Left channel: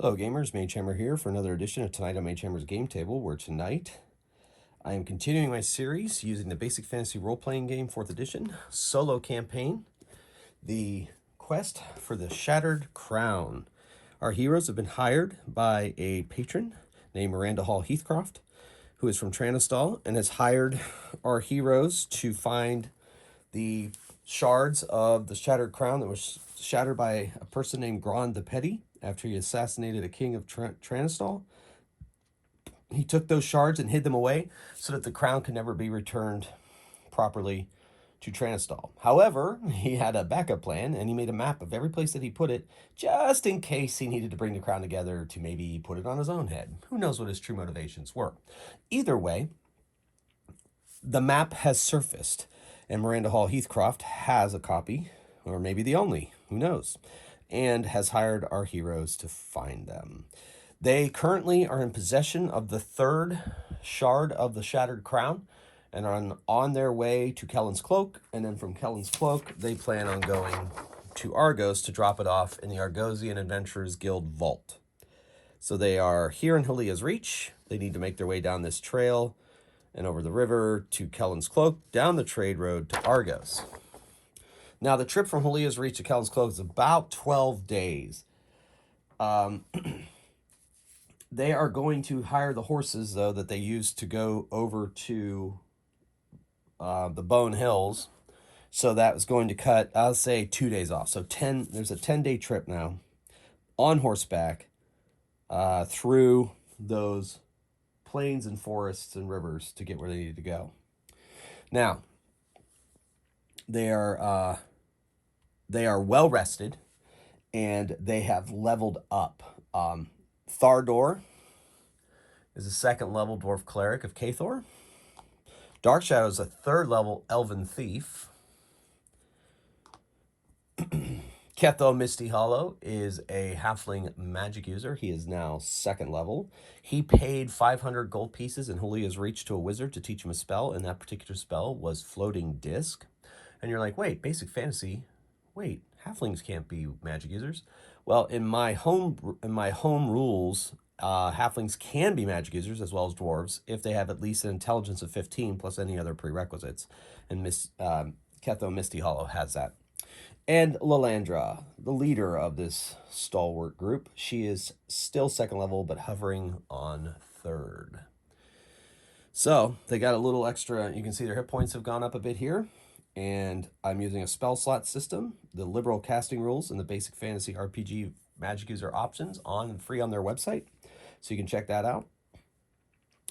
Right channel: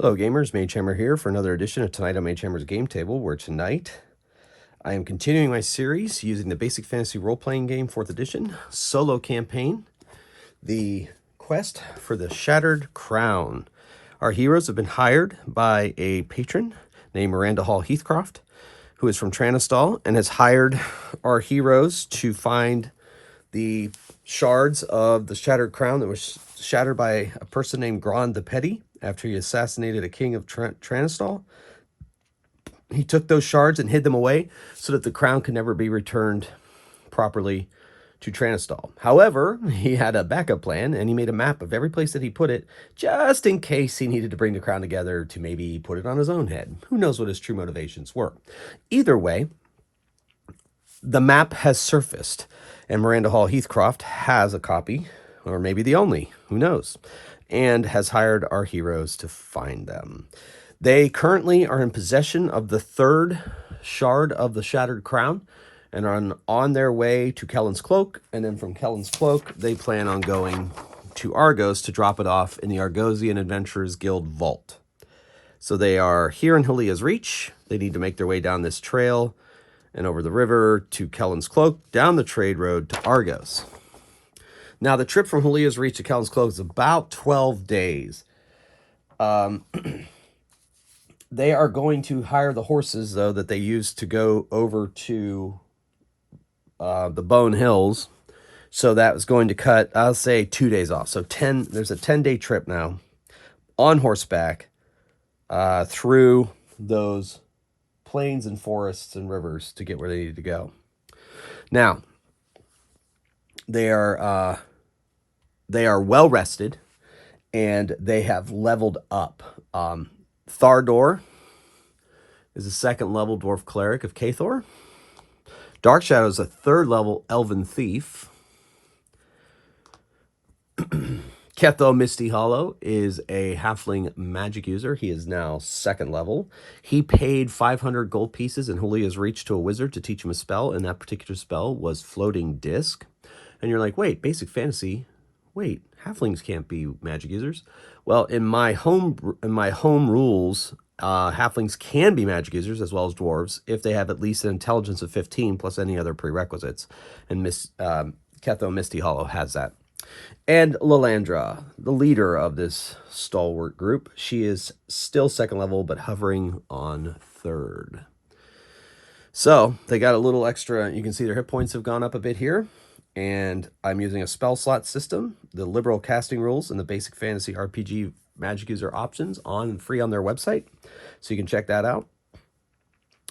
Hello gamers, Mage Hammer here for another edition of Tonight on Mage Hammer's Game Table, where tonight I am continuing my series using the Basic Fantasy Role-Playing Game 4th Edition solo campaign, the quest for the Shattered Crown. Our heroes have been hired by a patron named Miranda Hall Heathcroft, who is from Tranistal, and has hired our heroes to find the shards of the Shattered Crown that was shattered by a person named Grand the Petty after he assassinated a king of Tranistal. He took those shards and hid them away so that the crown could never be returned properly to Tranistal. However, he had a backup plan, and he made a map of every place that he put it, just in case he needed to bring the crown together to maybe put it on his own head. Who knows what his true motivations were? Either way, the map has surfaced, and Miranda Hall Heathcroft has a copy, or maybe the only, who knows, and has hired our heroes to find them. They currently are in possession of the third shard of the Shattered Crown and are on their way to Kelen's Cloak, and then from Kelen's Cloak, they plan on going to Argos to drop it off in the Argosian Adventurers Guild vault. So they are here in Halia's Reach. They need to make their way down this trail and over the river to Kelen's Cloak, down the trade road to Argos. Now, the trip from Halia's Reach to Kelen's Cloak is about 12 days. They are going to hire the horses, though, that they used to go over to the Bone Hills. So that was going to cut, I'll say, 2 days off. So there's a 10-day trip now on horseback through those plains and forests and rivers to get where they need to go. Now, they are well rested, and they have leveled up. Thardor is a second level dwarf cleric of Cathor. Darkshadow is a third level elven thief. Ketho Misty Hollow is a halfling magic user. He is now second level. He paid 500 gold pieces in Halia's Reach to a wizard to teach him a spell, and that particular spell was Floating Disc. And you're like, wait, basic fantasy, wait, halflings can't be magic users. Well, in my home rules, halflings can be magic users as well as dwarves if they have at least an intelligence of 15 plus any other prerequisites. And Ketho Misty Hollow has that. And Lalandra, the leader of this stalwart group, she is still second level, but hovering on third. So they got a little extra. You can see their hit points have gone up a bit here. And I'm using a spell slot system, the liberal casting rules, and the basic fantasy RPG magic user options free on their website. So you can check that out.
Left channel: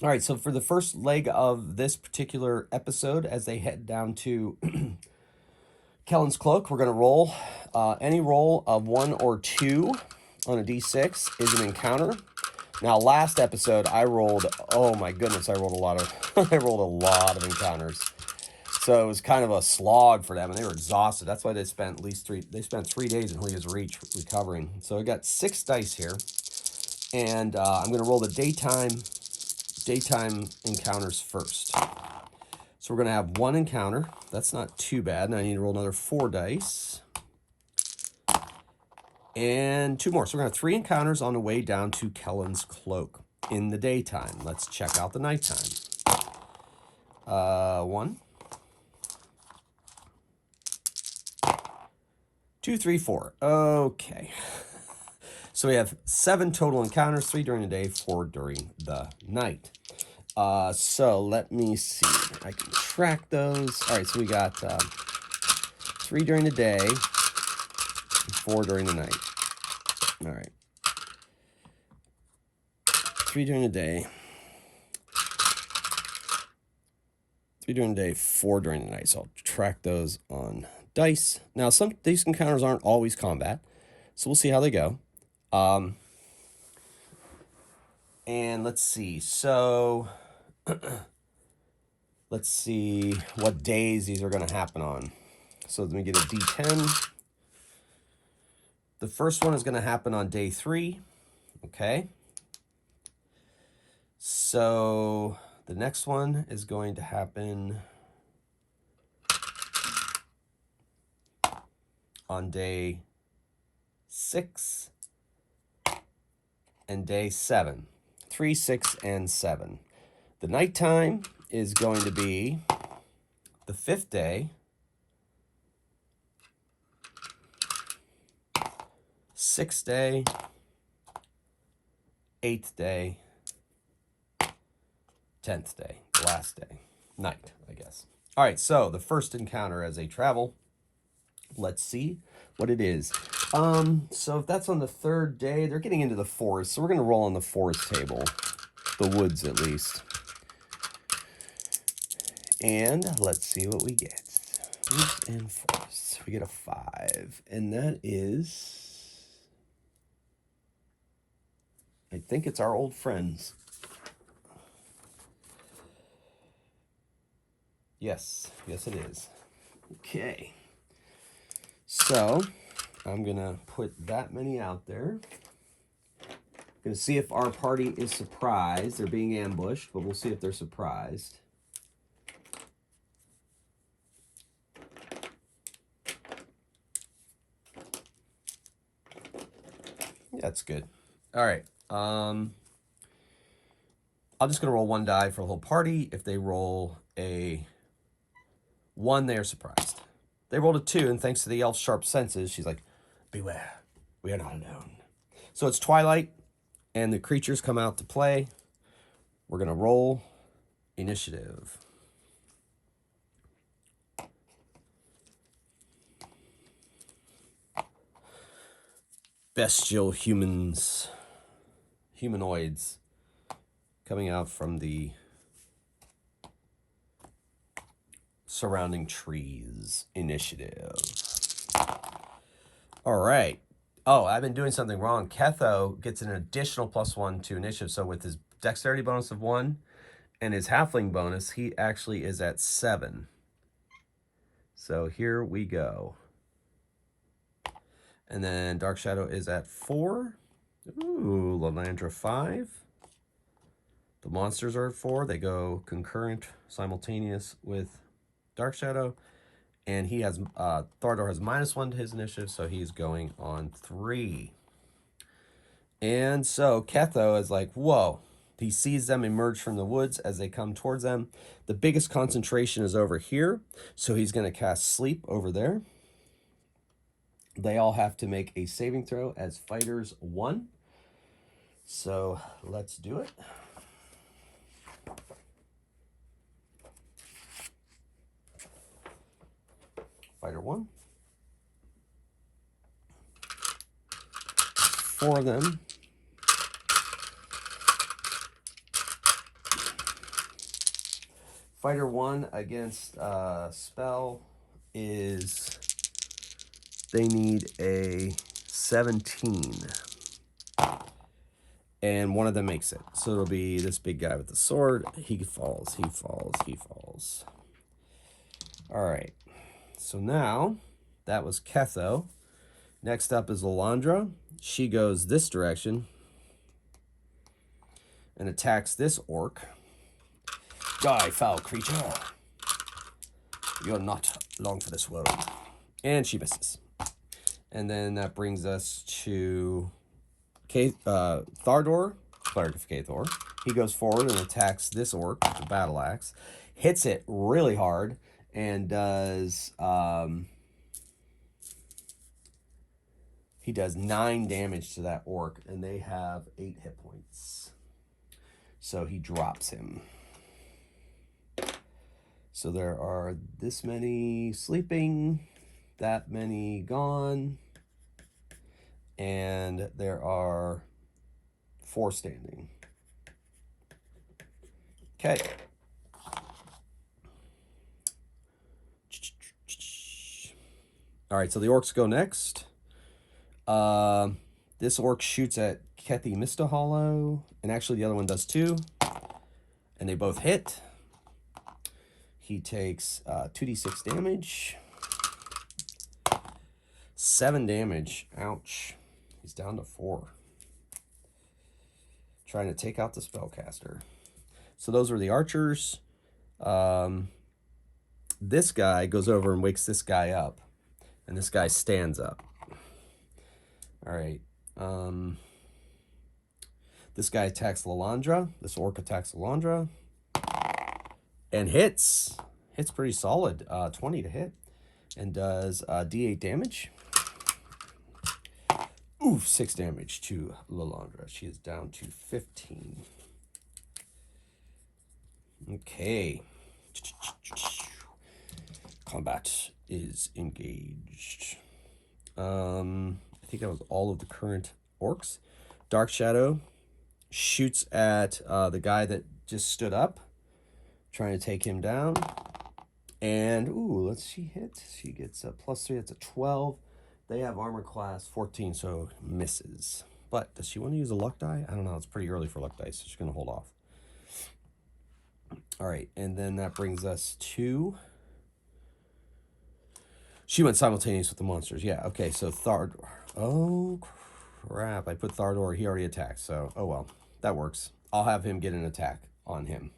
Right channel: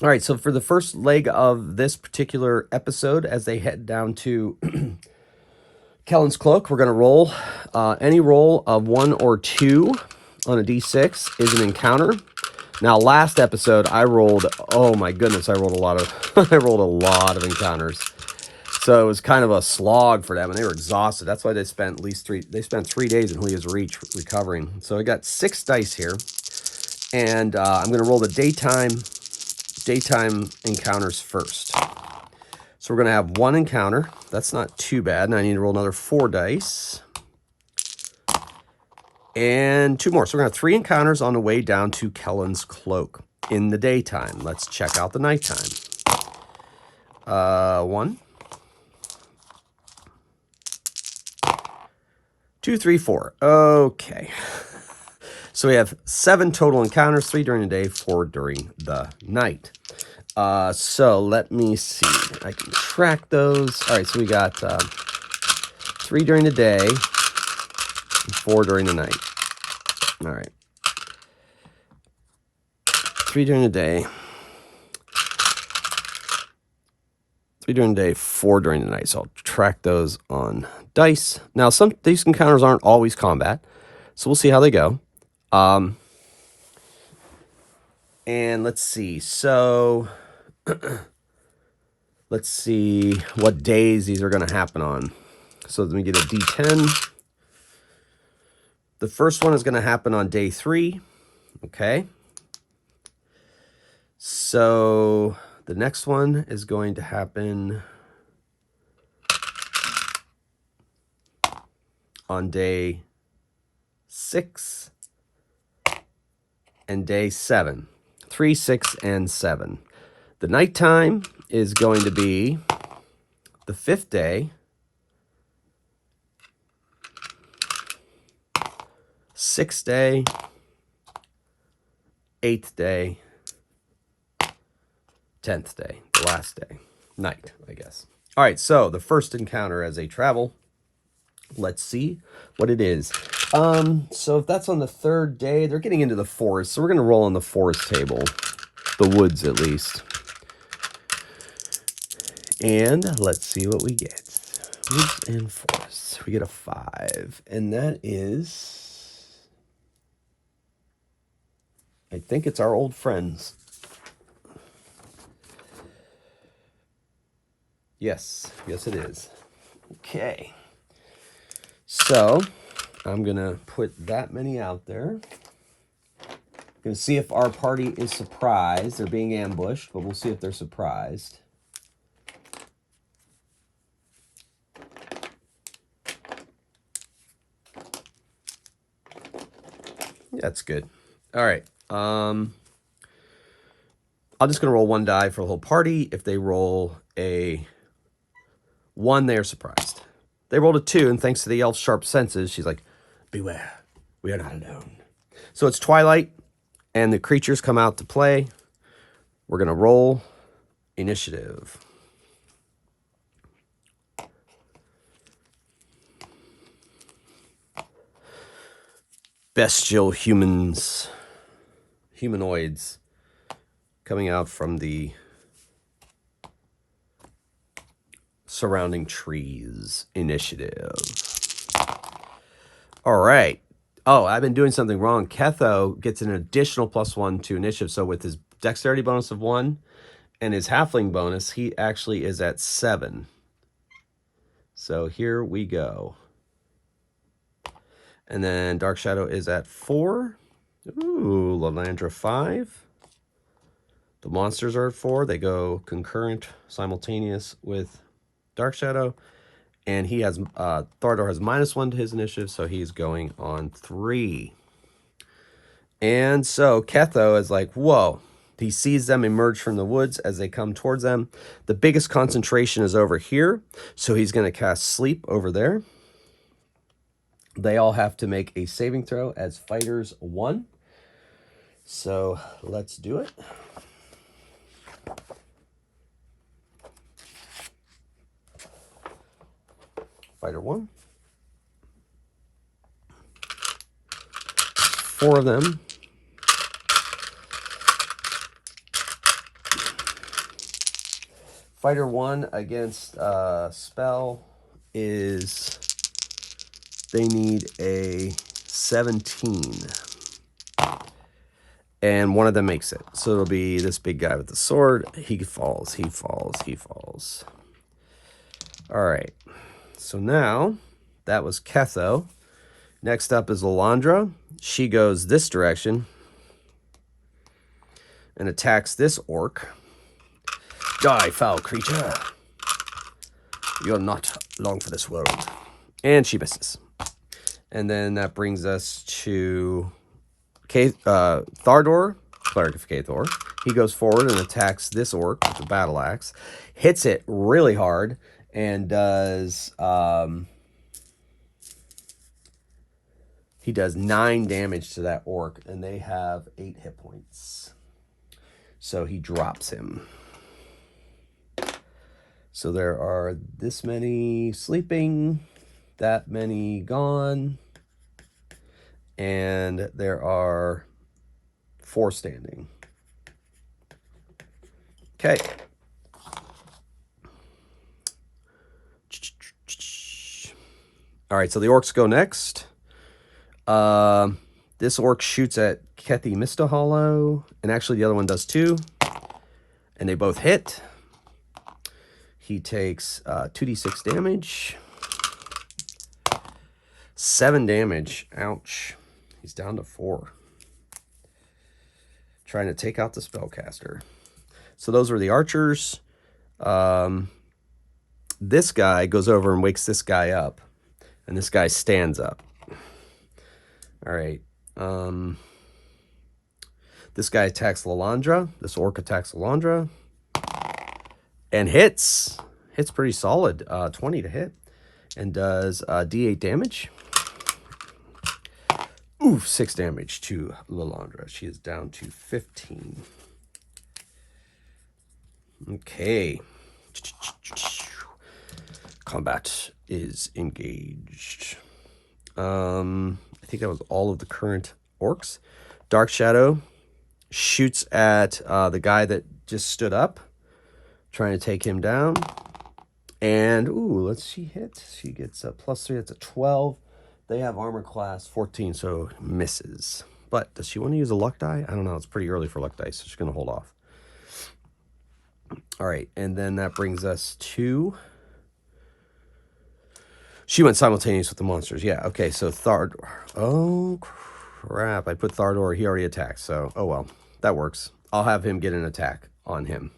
All right, so for the first leg of this particular episode, as they head down to Kelen's Cloak, we're going to roll. Any roll of 1 or 2 on a d6 is an encounter. Now, last episode, I rolled, oh my goodness, I rolled a lot of encounters. So it was kind of a slog for them, and they were exhausted. That's why they spent 3 days in Halia's Reach recovering. So I got 6 dice here, and I'm going to roll the daytime encounters first. So we're going to have 1 encounter. That's not too bad. Now I need to roll another 4 dice. And 2 more. So we're going to have 3 encounters on the way down to Kelen's Cloak in the daytime. Let's check out the nighttime. 1, 2, 3, 4. Okay. So we have 7 total encounters, 3 during the day, 4 during the night. So let me see. I can track those. All right, so we got 3 during the day, 4 during the night. All right. 3 during the day. 3 during the day, 4 during the night. So I'll track those on dice. Now, these encounters aren't always combat, so we'll see how they go. And let's see. So let's see what days these are going to happen on. So let me get a D10. The first one is going to happen on day 3. Okay. So the next one is going to happen on day 6. and day 7. 3, 6, and 7. The nighttime is going to be the 5th day, 6th day, 8th day, 10th day, the last day. Night, I guess. All right, so the first encounter as a travel. Let's see what it is. So if that's on the 3rd day, they're getting into the forest. So we're going to roll on the forest table. The woods, at least. And let's see what we get. Woods and forests. We get a 5. And that is... I think it's our old friends. Yes. Yes, it is. Okay. So, I'm going to put that many out there. Going to see if our party is surprised. They're being ambushed, but we'll see if they're surprised. That's good. All right. I'm just going to roll 1 die for the whole party. If they roll a 1, they are surprised. They rolled a 2, and thanks to the elf's sharp senses, she's like, beware, we are not alone. So it's twilight, and the creatures come out to play. We're going to roll initiative. Bestial humanoids coming out from the surrounding trees. Initiative. All right. Oh, I've been doing something wrong. Ketho gets an additional +1 to initiative. So with his dexterity bonus of 1 and his halfling bonus, he actually is at 7. So here we go. And then Dark Shadow is at 4. Ooh, Lalandra 5. The monsters are at 4. They go concurrent, simultaneous with Dark Shadow. And he has, Thordor has -1 to his initiative, so he's going on 3. And so Ketho is like, whoa. He sees them emerge from the woods as they come towards them. The biggest concentration is over here, so he's going to cast Sleep over there. They all have to make a saving throw as fighters 1. So let's do it. Fighter 1. 4 of them. Fighter 1 against spell is... They need a 17. And one of them makes it. So it'll be this big guy with the sword. He falls, he falls, he falls. All right. So now, that was Ketho. Next up is Lalandra. She goes this direction and attacks this orc. Die, foul creature. You're not long for this world. And she misses. And then that brings us to Thardor, Cleric of Cathor. He goes forward and attacks this orc with a battle axe. Hits it really hard and does... he does 9 damage to that orc, and they have 8 hit points. So he drops him. So there are this many sleeping, that many gone, and there are 4 standing. Okay. All right, so the orcs go next. This orc shoots at Kethi Mista Hollow, and actually the other one does too. And they both hit. He takes 2d6 damage. 7 damage. Ouch. He's down to 4. Trying to take out the spellcaster. So those were the archers. This guy goes over and wakes this guy up. And this guy stands up. All right. This guy attacks Lalandra. This orc attacks Lalandra. And hits. Hits pretty solid. 20 to hit. And does D8 damage. Oof, 6 damage to Lalandra. She is down to 15. Okay. Combat is engaged. I think that was all of the current orcs. Dark Shadow shoots at the guy that just stood up, trying to take him down. And, ooh, let's she hit. She gets a +3. That's a 12. They have armor class 14, so misses. But does she want to use a luck die? I don't know. It's pretty early for luck dice, so she's going to hold off. All right, and then that brings us to... She went simultaneous with the monsters. Yeah, okay, so Thardor. Oh, crap. I put Thardor. He already attacked, so, oh well. That works. I'll have him get an attack on him.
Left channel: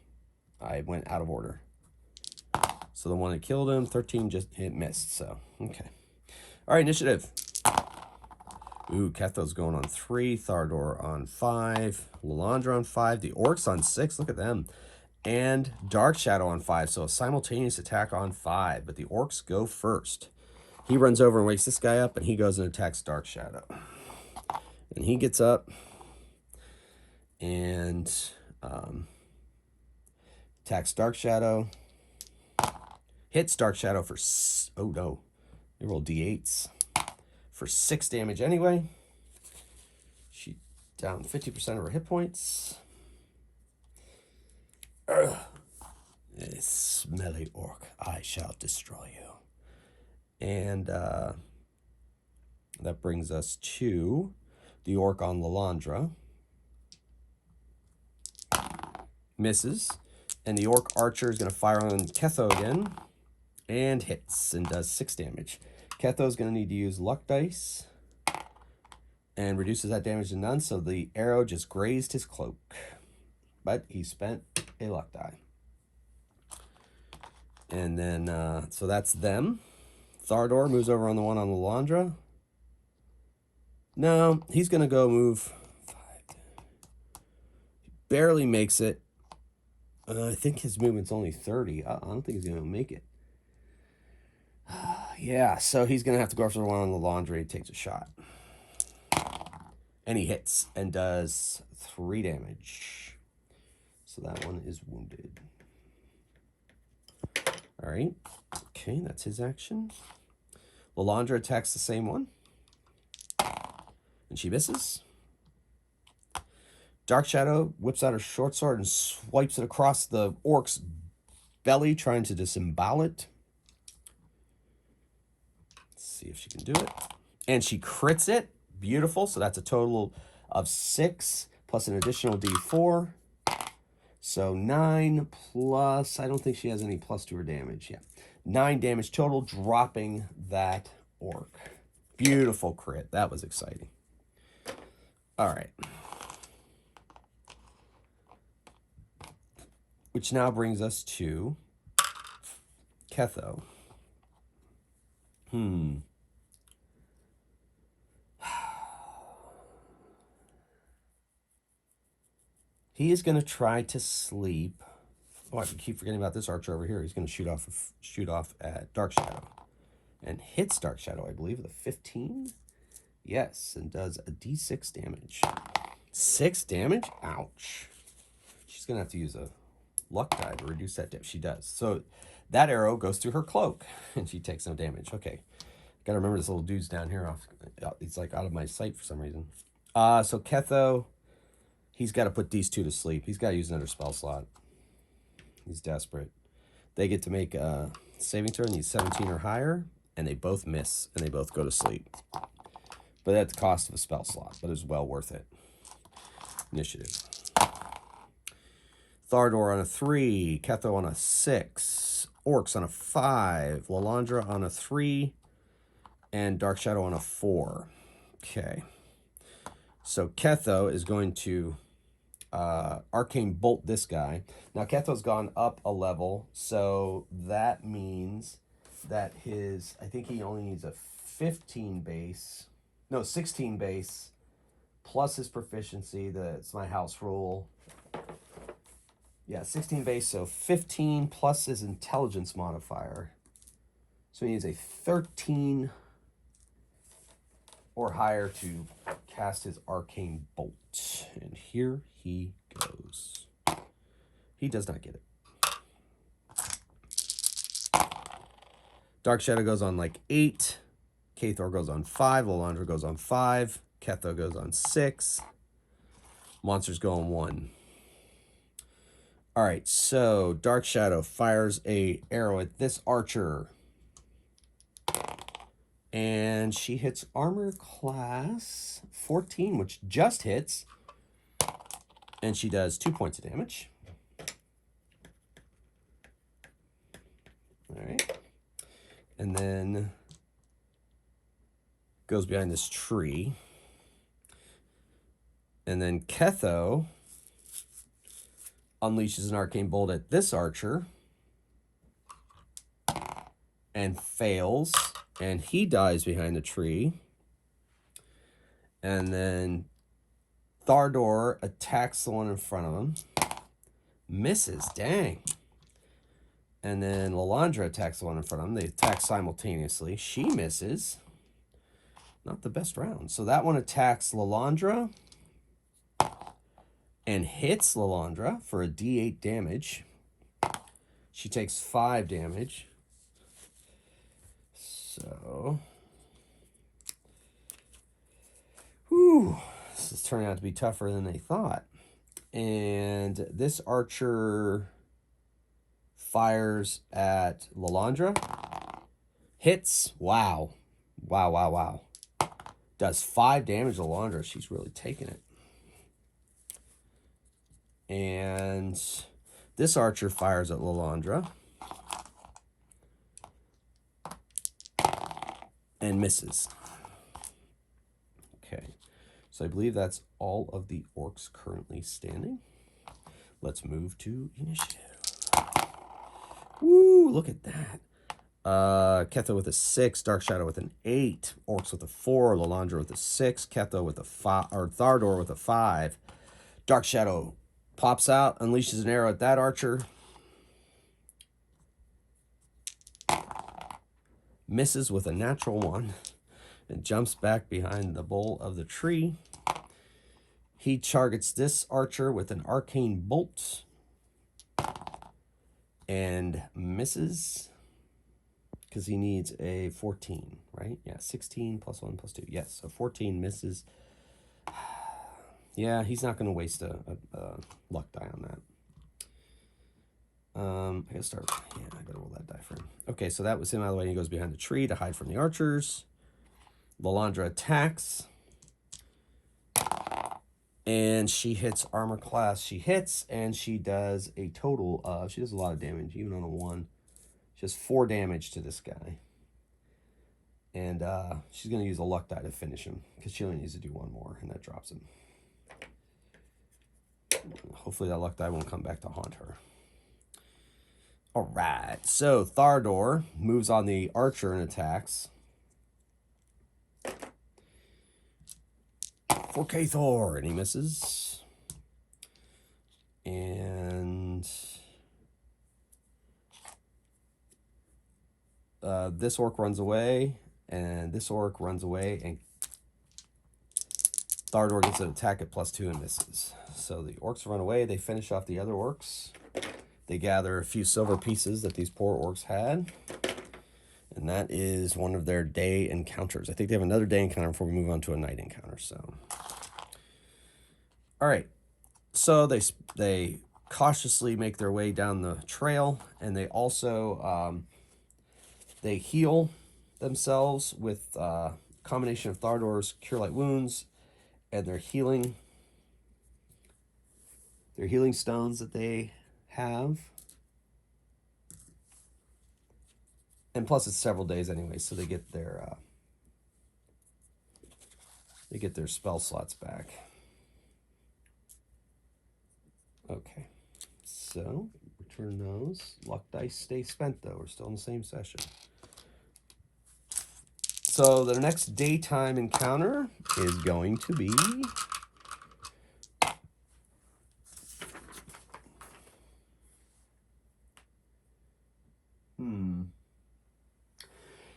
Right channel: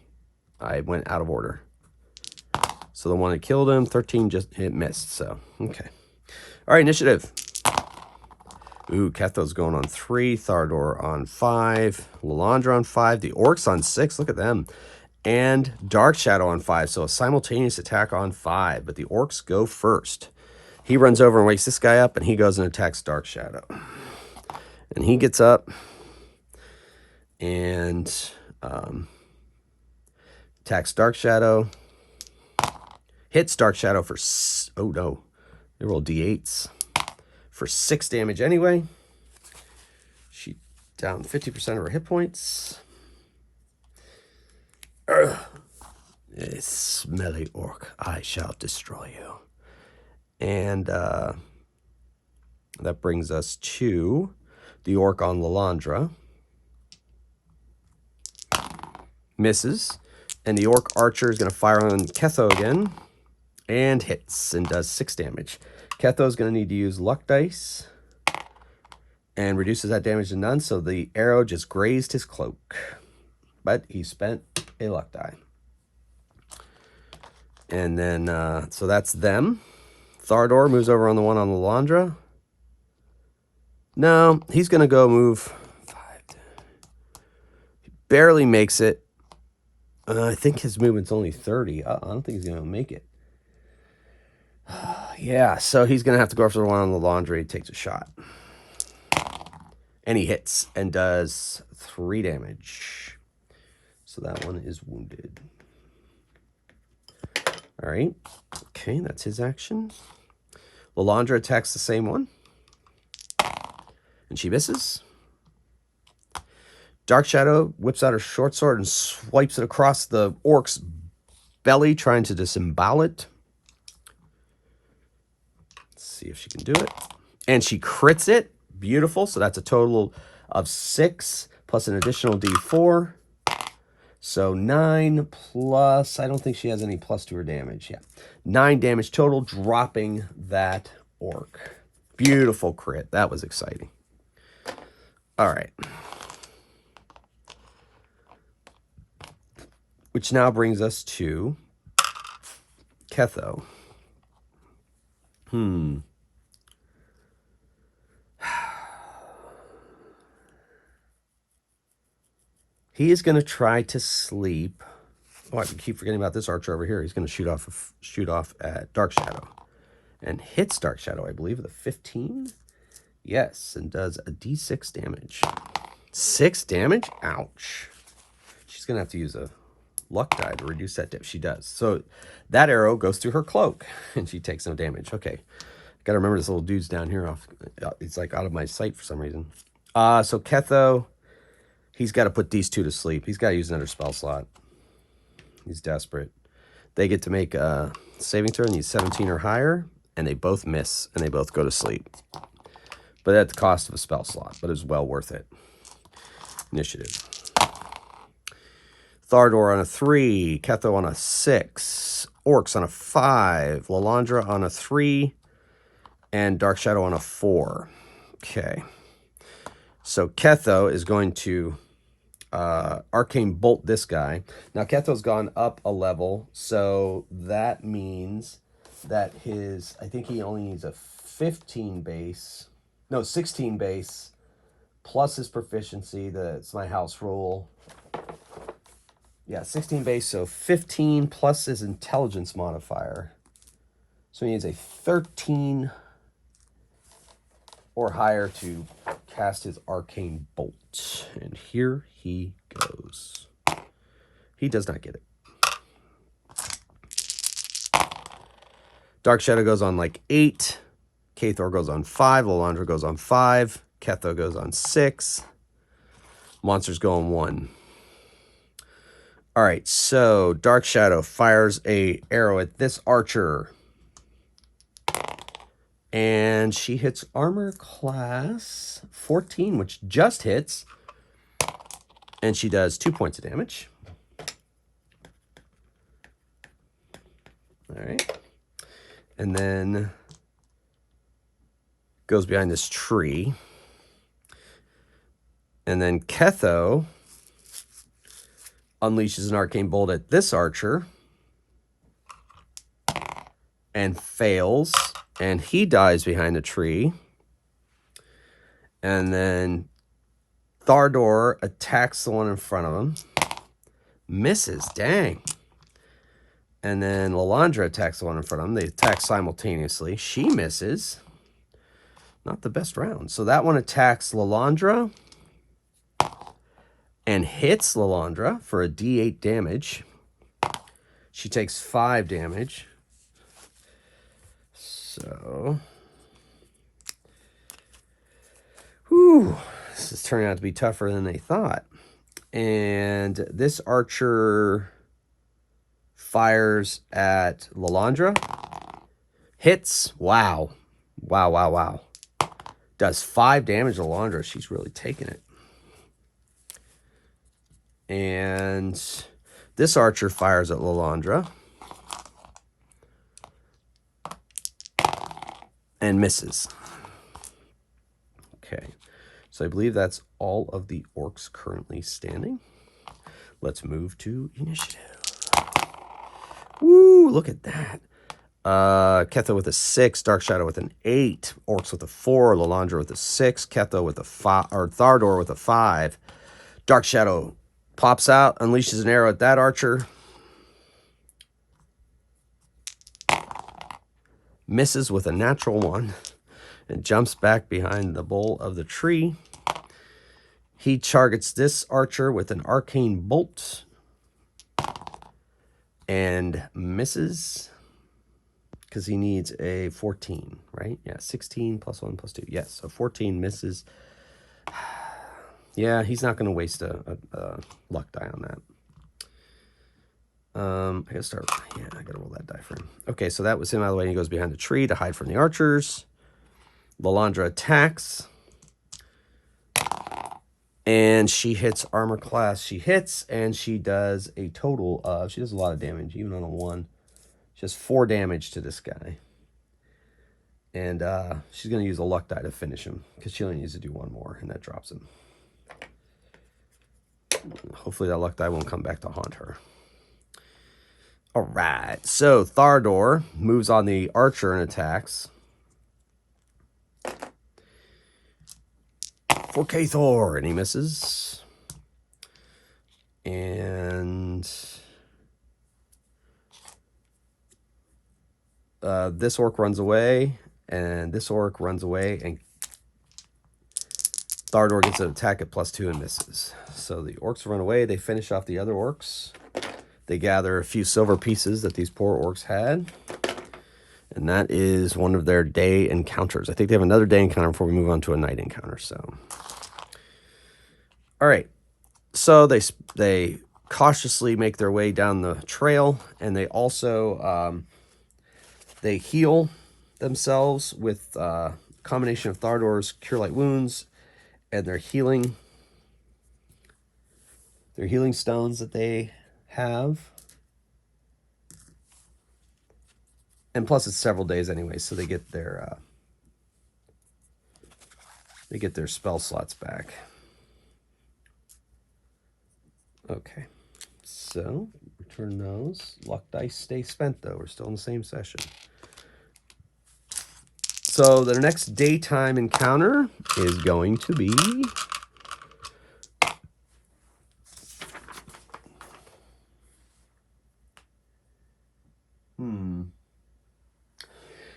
I went out of order. So the one that killed him, 13, it missed, so, okay. All right, initiative. Ooh, Ketho's going on 3, Thardor on 5, Lalandra on 5, the orcs on 6, look at them. And Dark Shadow on 5, so a simultaneous attack on 5, but the orcs go first. He runs over and wakes this guy up, and he goes and attacks Dark Shadow. And he gets up and attacks Dark Shadow. Hits Dark Shadow for... Oh, no. They roll D8s for 6 damage anyway. She down 50% of her hit points. This smelly orc, I shall destroy you. And that brings us to the orc on Lalandra. Misses. And the orc archer is going to fire on Ketho again. And hits and does 6 damage. Ketho is going to need to use luck dice. And reduces that damage to none. So the arrow just grazed his cloak. But he spent a luck die. And then, so that's them. Thardor moves over on the one on Lalandra. No, he's going to go move 5. He barely makes it. I think his movement's only 30. I don't think he's going to make it. Yeah, so he's going to have to go after the one on Lalandra. He takes a shot. And he hits and does 3 damage. So that one is wounded. All right. Okay, that's his action. Lalandra attacks the same one. And she misses. Dark Shadow whips out her short sword and swipes it across the orc's belly, trying to disembowel it. Let's see if she can do it. And she crits it. Beautiful. So that's a total of 6 plus an additional D4. So 9 plus, I don't think she has any plus to her damage. Yeah, 9 damage total, dropping that orc. Beautiful crit. That was exciting. All right. Which now brings us to Ketho. He is going to try to sleep. Oh, I keep forgetting about this archer over here. He's going to shoot off at Dark Shadow. And hits Dark Shadow, I believe, with a 15. Yes, and does a d6 damage. 6 damage? Ouch. She's going to have to use a luck die to reduce that damage. She does. So that arrow goes through her cloak, and she takes no damage. Okay. Got to remember this little dude's down here. It's like out of my sight for some reason. So Ketho... He's got to put these 2 to sleep. He's got to use another spell slot. He's desperate. They get to make a saving throw. He's 17 or higher, and they both miss, and they both go to sleep. But at the cost of a spell slot, but it's well worth it. Initiative. Thardor on a 3, Ketho on a 6, Orcs on a 5, Lalandra on a 3, and Dark Shadow on a 4. Okay. So Ketho is going to Arcane Bolt this guy. Now Ketho's gone up a level, so that means that I think he only needs a 16 base plus his proficiency. It's my house rule. Yeah, 16 base, so 15 plus his intelligence modifier. So he needs a 13 or higher to cast his arcane bolt. And here he goes. He does not get it. Dark Shadow goes on like 8. Kathor goes on 5. Lalandra goes on 5. Ketho goes on 6. Monsters go on 1. All right, so Dark Shadow fires a arrow at this archer. And she hits armor class 14, which just hits. And she does 2 points of damage. All right. And then goes behind this tree. And then Ketho unleashes an arcane bolt at this archer. And fails. And he dies behind a tree. And then Thardor attacks the one in front of him. Misses. Dang. And then Lalandra attacks the one in front of him. They attack simultaneously. She misses. Not the best round. So that one attacks Lalandra. And hits Lalandra for a D8 damage. She takes 5 damage. So, whew, this is turning out to be tougher than they thought. And this archer fires at Lalandra. Hits. Wow. Wow, wow, wow. Does 5 damage to Lalandra. She's really taking it. And this archer fires at Lalandra. And misses. Okay, so I believe that's all of the orcs currently standing. Let's move to initiative. Woo, look at that. Ketho with a 6, Dark Shadow with an 8, Orcs with a 4, Lalandra with a 6, Ketho with a 5, or Thardor with a 5. Dark Shadow pops out, unleashes an arrow at that archer. Misses with a natural 1 and jumps back behind the bole of the tree. He targets this archer with an arcane bolt and misses because he needs a 14, right? Yeah, 16 plus 1 plus 2. Yes, so 14 misses. Yeah, he's not going to waste a luck die on that. I gotta start. Yeah, I gotta roll that die for him. Okay, so that was him out of the way. He goes behind the tree to hide from the archers. Lalandra attacks. And she hits armor class. She hits, and she does a total of, she does a lot of damage, even on a 1. She does 4 damage to this guy. And she's going to use a luck die to finish him, because she only needs to do 1 more, and that drops him. Hopefully that luck die won't come back to haunt her. All right, so Thardor moves on the archer and attacks. For Kathor, and he misses. And this orc runs away, and this orc runs away, and Thardor gets an attack at +2 and misses. So the orcs run away. They finish off the other orcs. They gather a few silver pieces that these poor orcs had. And that is one of their day encounters. I think they have another day encounter before we move on to a night encounter. So, all right. So they cautiously make their way down the trail, and they also they heal themselves with a combination of Thardor's Cure Light Wounds and their healing stones that they have. And plus it's several days anyway, so they get their spell slots back. Okay. So, return those. Luck dice stay spent though. We're still in the same session. So the next daytime encounter is going to be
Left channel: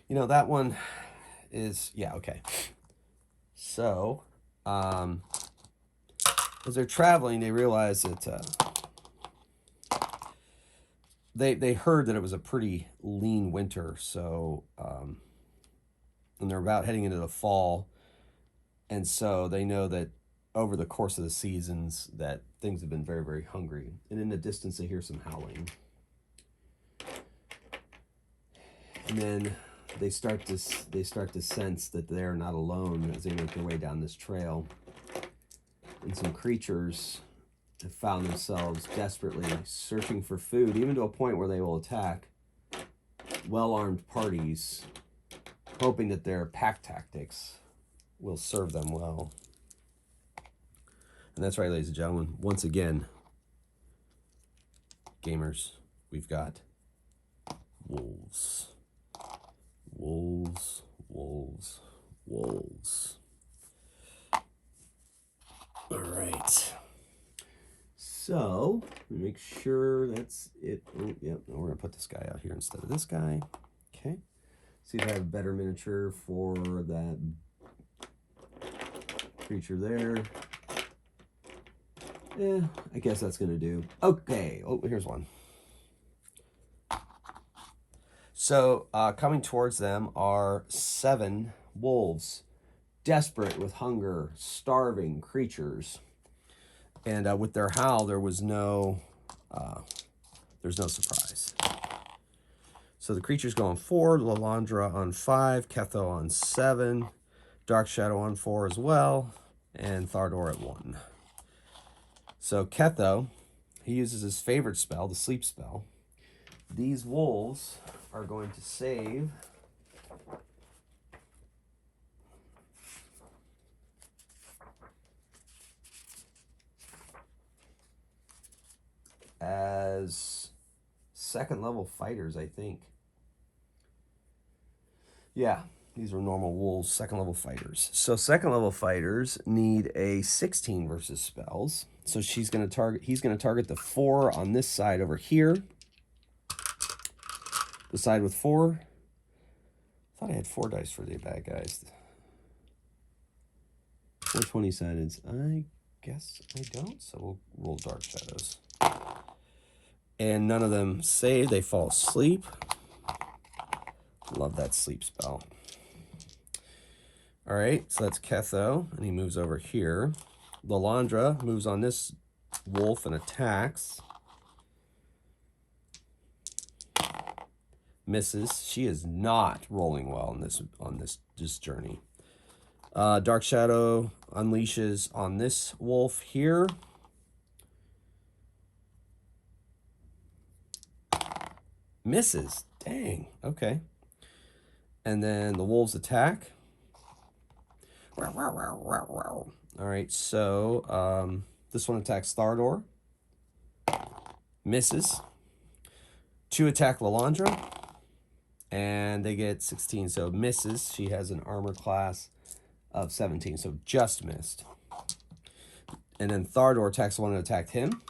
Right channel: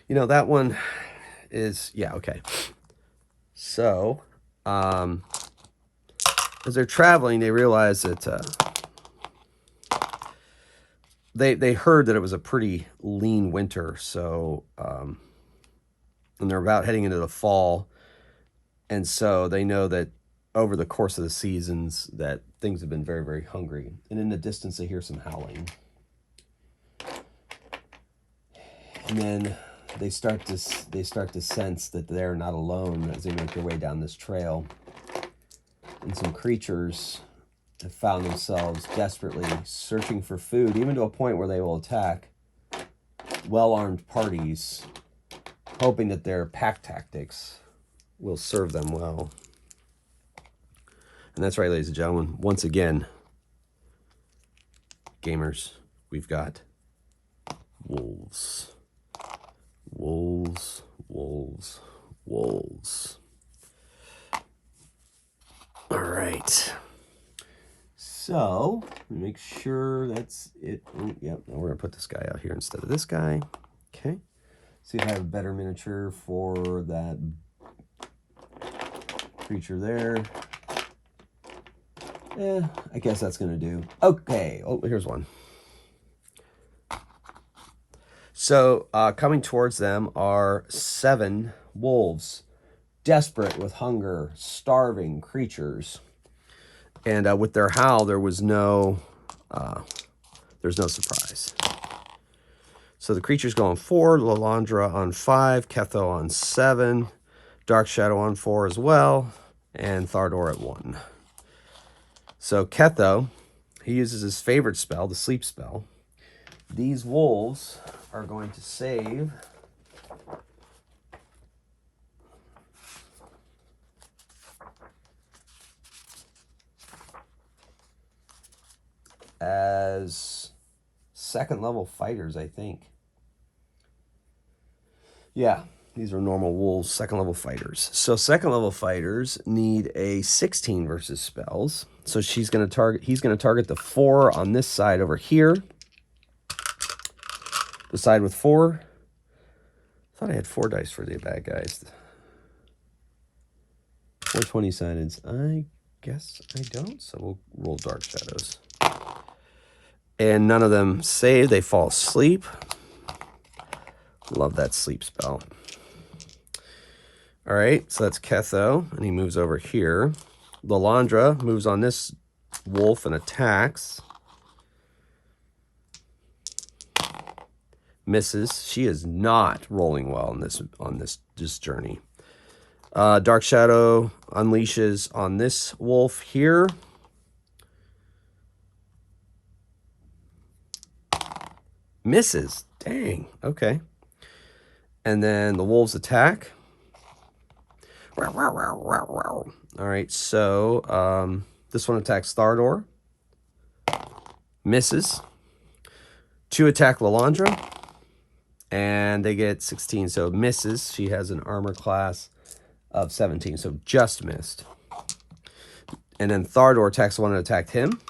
You know, that one is, yeah, okay. So, as they're traveling, they realize that they heard that it was a pretty lean winter. So, and they're about heading into the fall, and so they know that over the course of the seasons that things have been very, very hungry. And in the distance, they hear some howling, and then they start to sense that they're not alone as they make their way down this trail. And some creatures have found themselves desperately searching for food, even to a point where they will attack well-armed parties, hoping that their pack tactics will serve them well. And that's right, ladies and gentlemen. Once again, gamers, we've got wolves. Wolves, wolves, wolves. All right. So, make sure that's it. Oh, yep, we're going to put this guy out here instead of this guy. Okay. See if I have a better miniature for that creature there. Yeah, I guess that's going to do. Okay. Oh, here's one. So, coming towards them are 7 wolves, desperate with hunger, starving creatures. And with their howl, there's no surprise. So the creature's go on 4, Lalandra on 5, Ketho on 7, Dark Shadow on 4 as well, and Thardor at 1. So Ketho, he uses his favorite spell, the sleep spell. These wolves are going to save as 2nd level fighters, I think. Yeah, these are normal wolves, 2nd level fighters. So 2nd level fighters need a 16 versus spells. So he's going to target the 4 on this side over here. The side with 4. I thought I had 4 dice for the bad guys. 4 20-sided. I guess I don't, so we'll roll Dark Shadows. And none of them save. They fall asleep. Love that sleep spell. All right, so that's Ketho, and he moves over here. Lalandra moves on this wolf and attacks. Misses. She is not rolling well on this journey. Dark Shadow unleashes on this wolf here. Misses. Dang. Okay. And then the wolves attack. All right, so this one attacks Thardor. Misses. 2 attack Lalandra. And they get 16, so misses. She has an armor class of 17, so just missed. And then Thardor attacks the one that attacked him.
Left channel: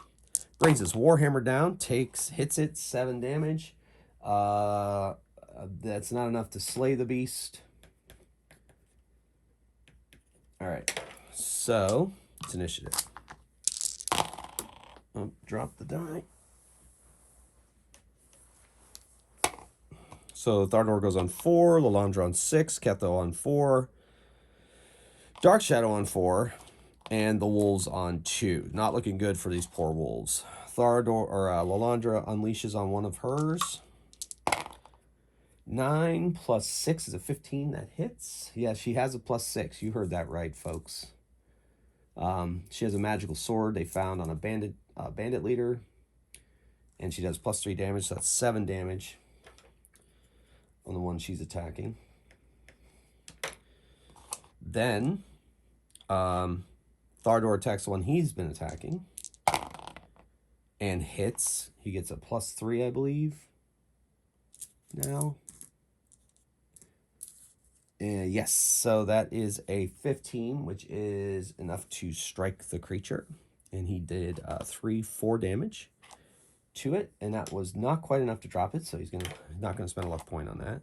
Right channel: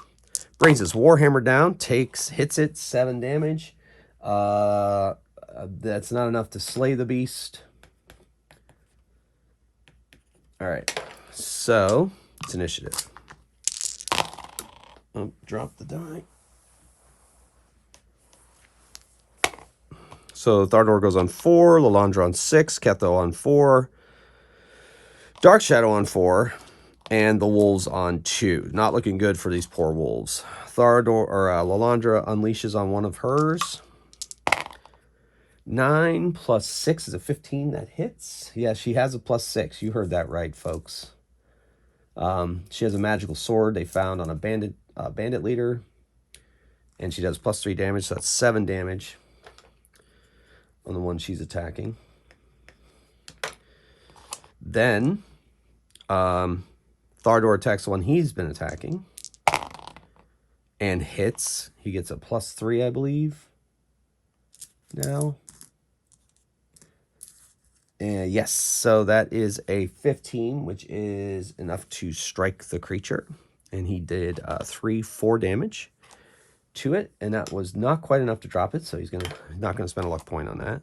Brings his Warhammer down, hits it, 7 damage. That's not enough to slay the beast. All right, so it's initiative. Oh, drop the die. So Thardor goes on 4, Lalandra on 6, Ketho on 4, Dark Shadow on 4, and the wolves on 2. Not looking good for these poor wolves. Lalandra unleashes on one of hers. 9 plus 6 is a 15. That hits. Yeah, she has a plus 6. You heard that right, folks. She has a magical sword they found on a bandit leader, and she does plus 3 damage, so that's 7 damage on the one she's attacking. Then Thardor attacks the one he's been attacking and hits. He gets a plus 3, I believe. Now. Yes, so that is a 15, which is enough to strike the creature. And he did 4 damage to it, and that was not quite enough to drop it, so he's not going to spend a luck point on that.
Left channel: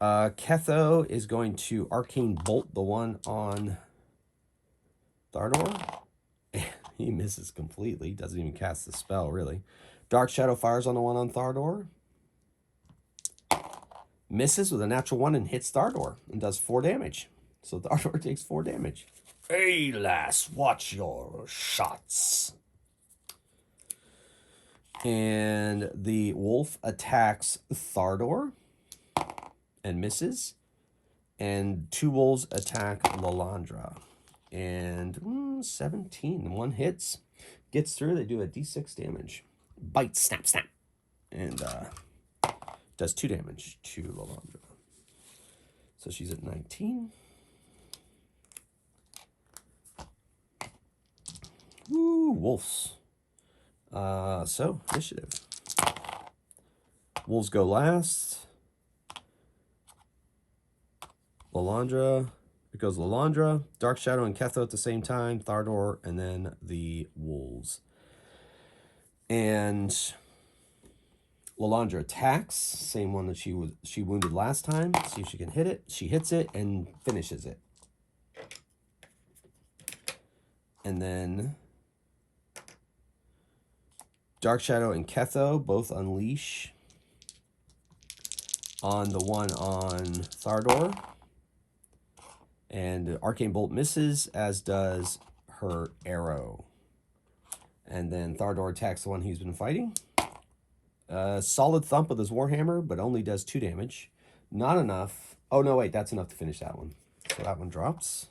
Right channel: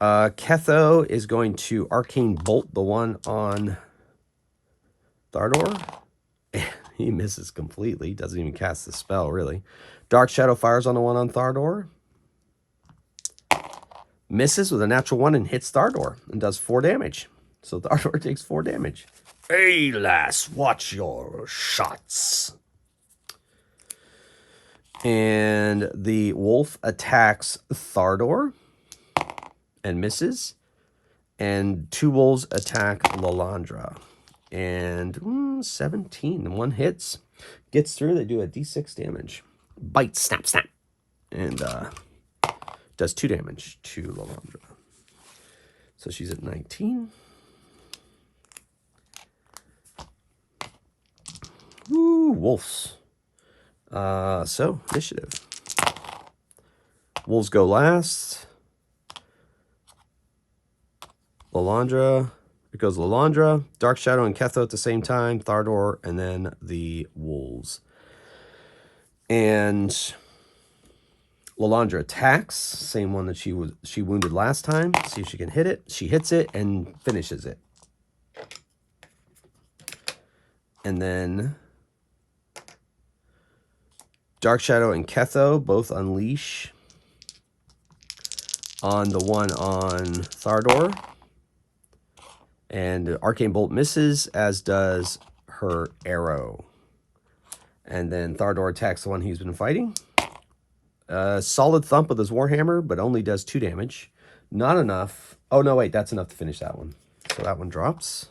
Ketho is going to Arcane Bolt the one on Thardor. He misses completely. Doesn't even cast the spell, really. Dark Shadow fires on the one on Thardor. Misses with a natural 1 and hits Thardor and does 4 damage. So Thardor takes 4 damage. Hey, lass, watch your shots. And the wolf attacks Thardor and misses. And 2 wolves attack Lalandra. And 17. 1 hits. Gets through. They do a d6 damage. Bite, snap, snap. And does 2 damage to Lalandra. So she's at 19. Ooh, wolves. So, initiative. Wolves go last. Lalandra. It goes Lalandra, Dark Shadow, and Ketho at the same time. Thardor, and then the wolves. And Lalandra attacks. Same one that she wounded last time. See if she can hit it. She hits it and finishes it. And then Dark Shadow and Ketho both unleash on the one on Thardor. And Arcane Bolt misses, as does her arrow. And then Thardor attacks the one he's been fighting. Solid thump with his Warhammer, but only does 2 damage. Not enough. Oh, no, wait, that's enough to finish that one. So that one drops.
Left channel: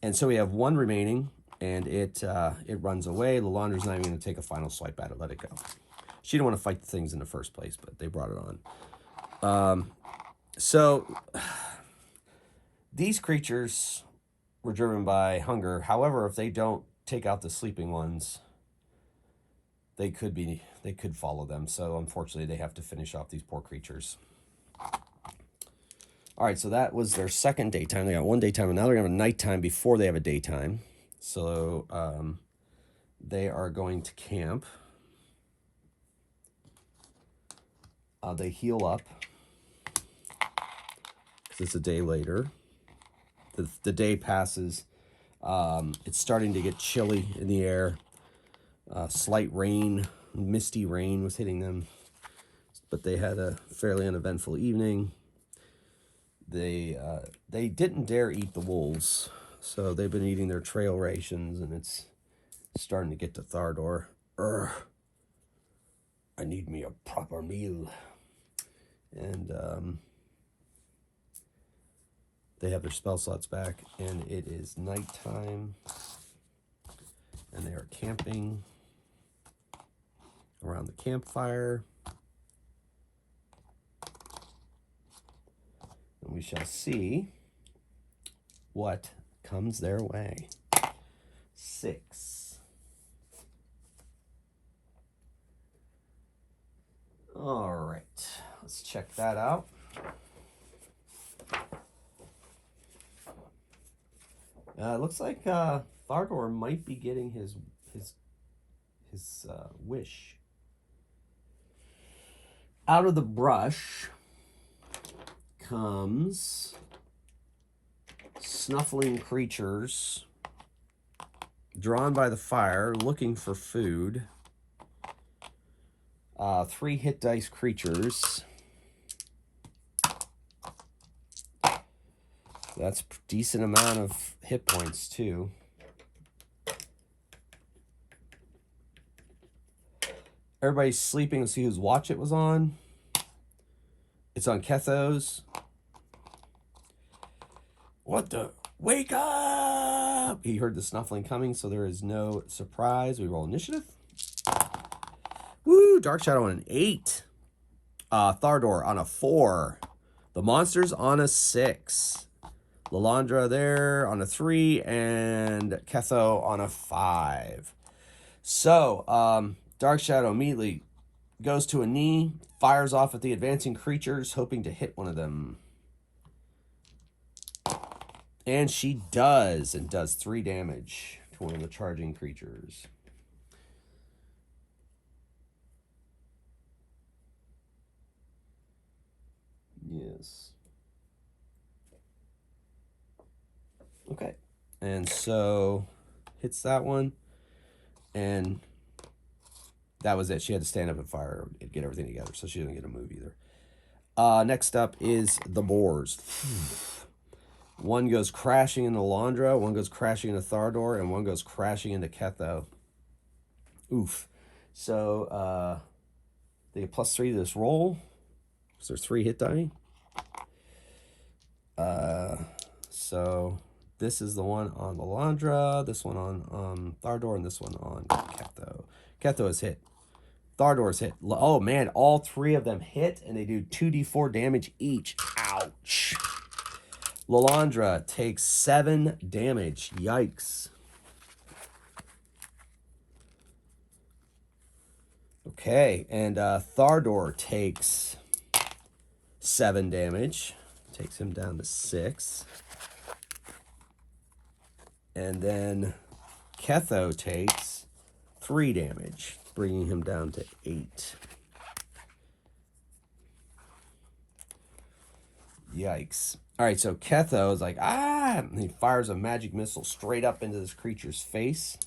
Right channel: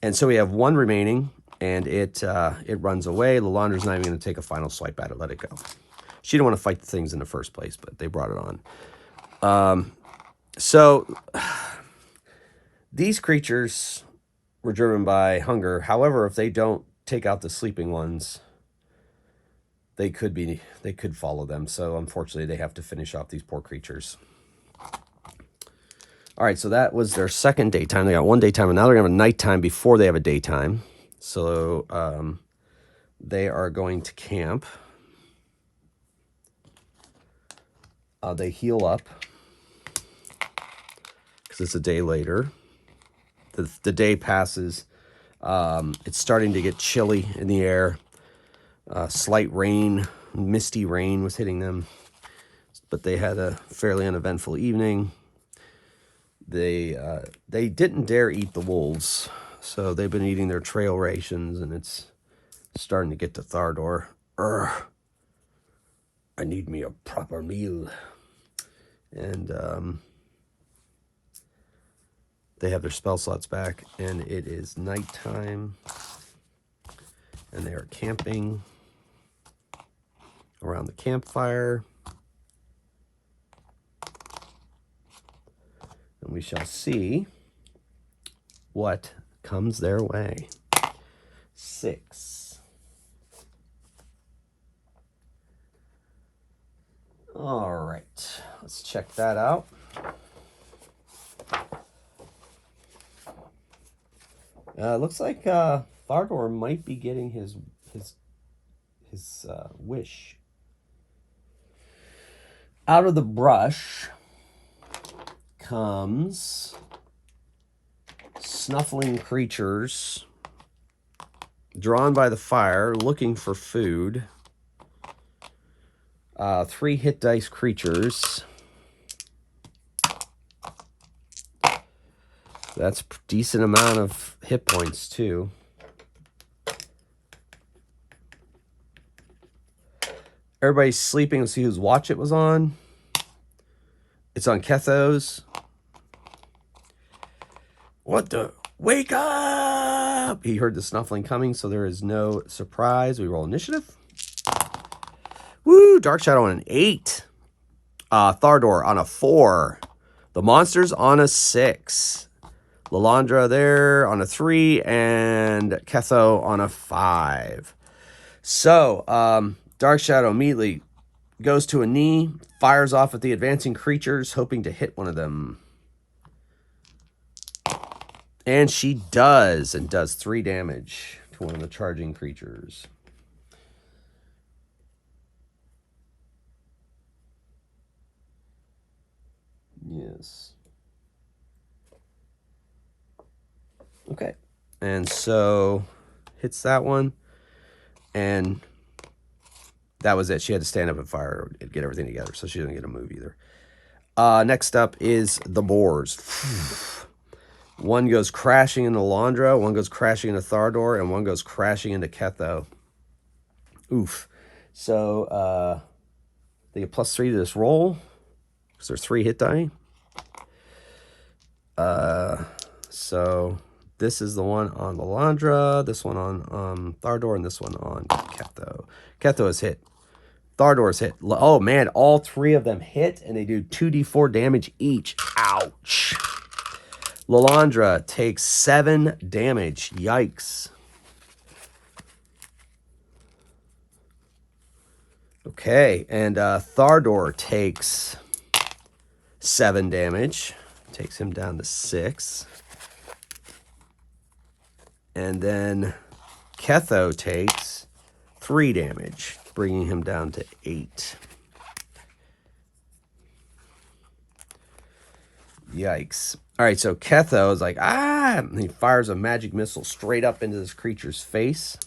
And so we have 1 remaining, and it runs away. Lalandra's not even going to take a final swipe at it. Let it go. She didn't want to fight the things in the first place, but they brought it on. So these creatures were driven by hunger. However, if they don't take out the sleeping ones, they could follow them. So unfortunately, they have to finish off these poor creatures. All right, so that was their second daytime. They got 1 daytime, and now they're going to have a nighttime before they have a daytime. So they are going to camp. They heal up because it's a day later. The day passes. It's starting to get chilly in the air. Slight rain, misty rain was hitting them. But they had a fairly uneventful evening. They didn't dare eat the wolves, so they've been eating their trail rations, and it's starting to get to Thardor. I need me a proper meal. And they have their spell slots back, and it is nighttime, and they are camping around the campfire. And we shall see what comes their way. 6. All right, let's check that out. Looks like Thardor might be getting his wish. Out of the brush comes snuffling creatures drawn by the fire, looking for food. 3 hit dice creatures. That's a decent amount of hit points, too. Everybody's sleeping. Let's see whose watch it was on. It's on Ketho's. What the? Wake up! He heard the snuffling coming, so there is no surprise. We roll initiative. Woo! Dark Shadow on an 8. Thardor on a 4. The monsters on a 6. Lalandra there on a 3, and Ketho on a 5. So, Dark Shadow immediately goes to a knee, fires off at the advancing creatures, hoping to hit one of them. And she does, and does 3 damage to one of the charging creatures. Yes. Okay. And so hits that one. And that was it. She had to stand up and fire and get everything together. So she didn't get a move either. Next up is the boars. One goes crashing into Landra, one goes crashing into Thardor, and one goes crashing into Ketho. Oof. So they get +3 to this roll because there's 3 hit die. So this is the one on Lalandra, this one on Thardor, and this one on Ketho. Ketho is hit. Thardor's hit. Oh man, all 3 of them hit, and they do 2d4 damage each. Ouch. Lalandra takes 7 damage. Yikes. Okay, and Thardor takes 7 damage. Takes him down to 6. And then Ketho takes 3 damage, bringing him down to 8. Yikes. All right, so Ketho is like, and he fires a magic missile straight up into this creature's face.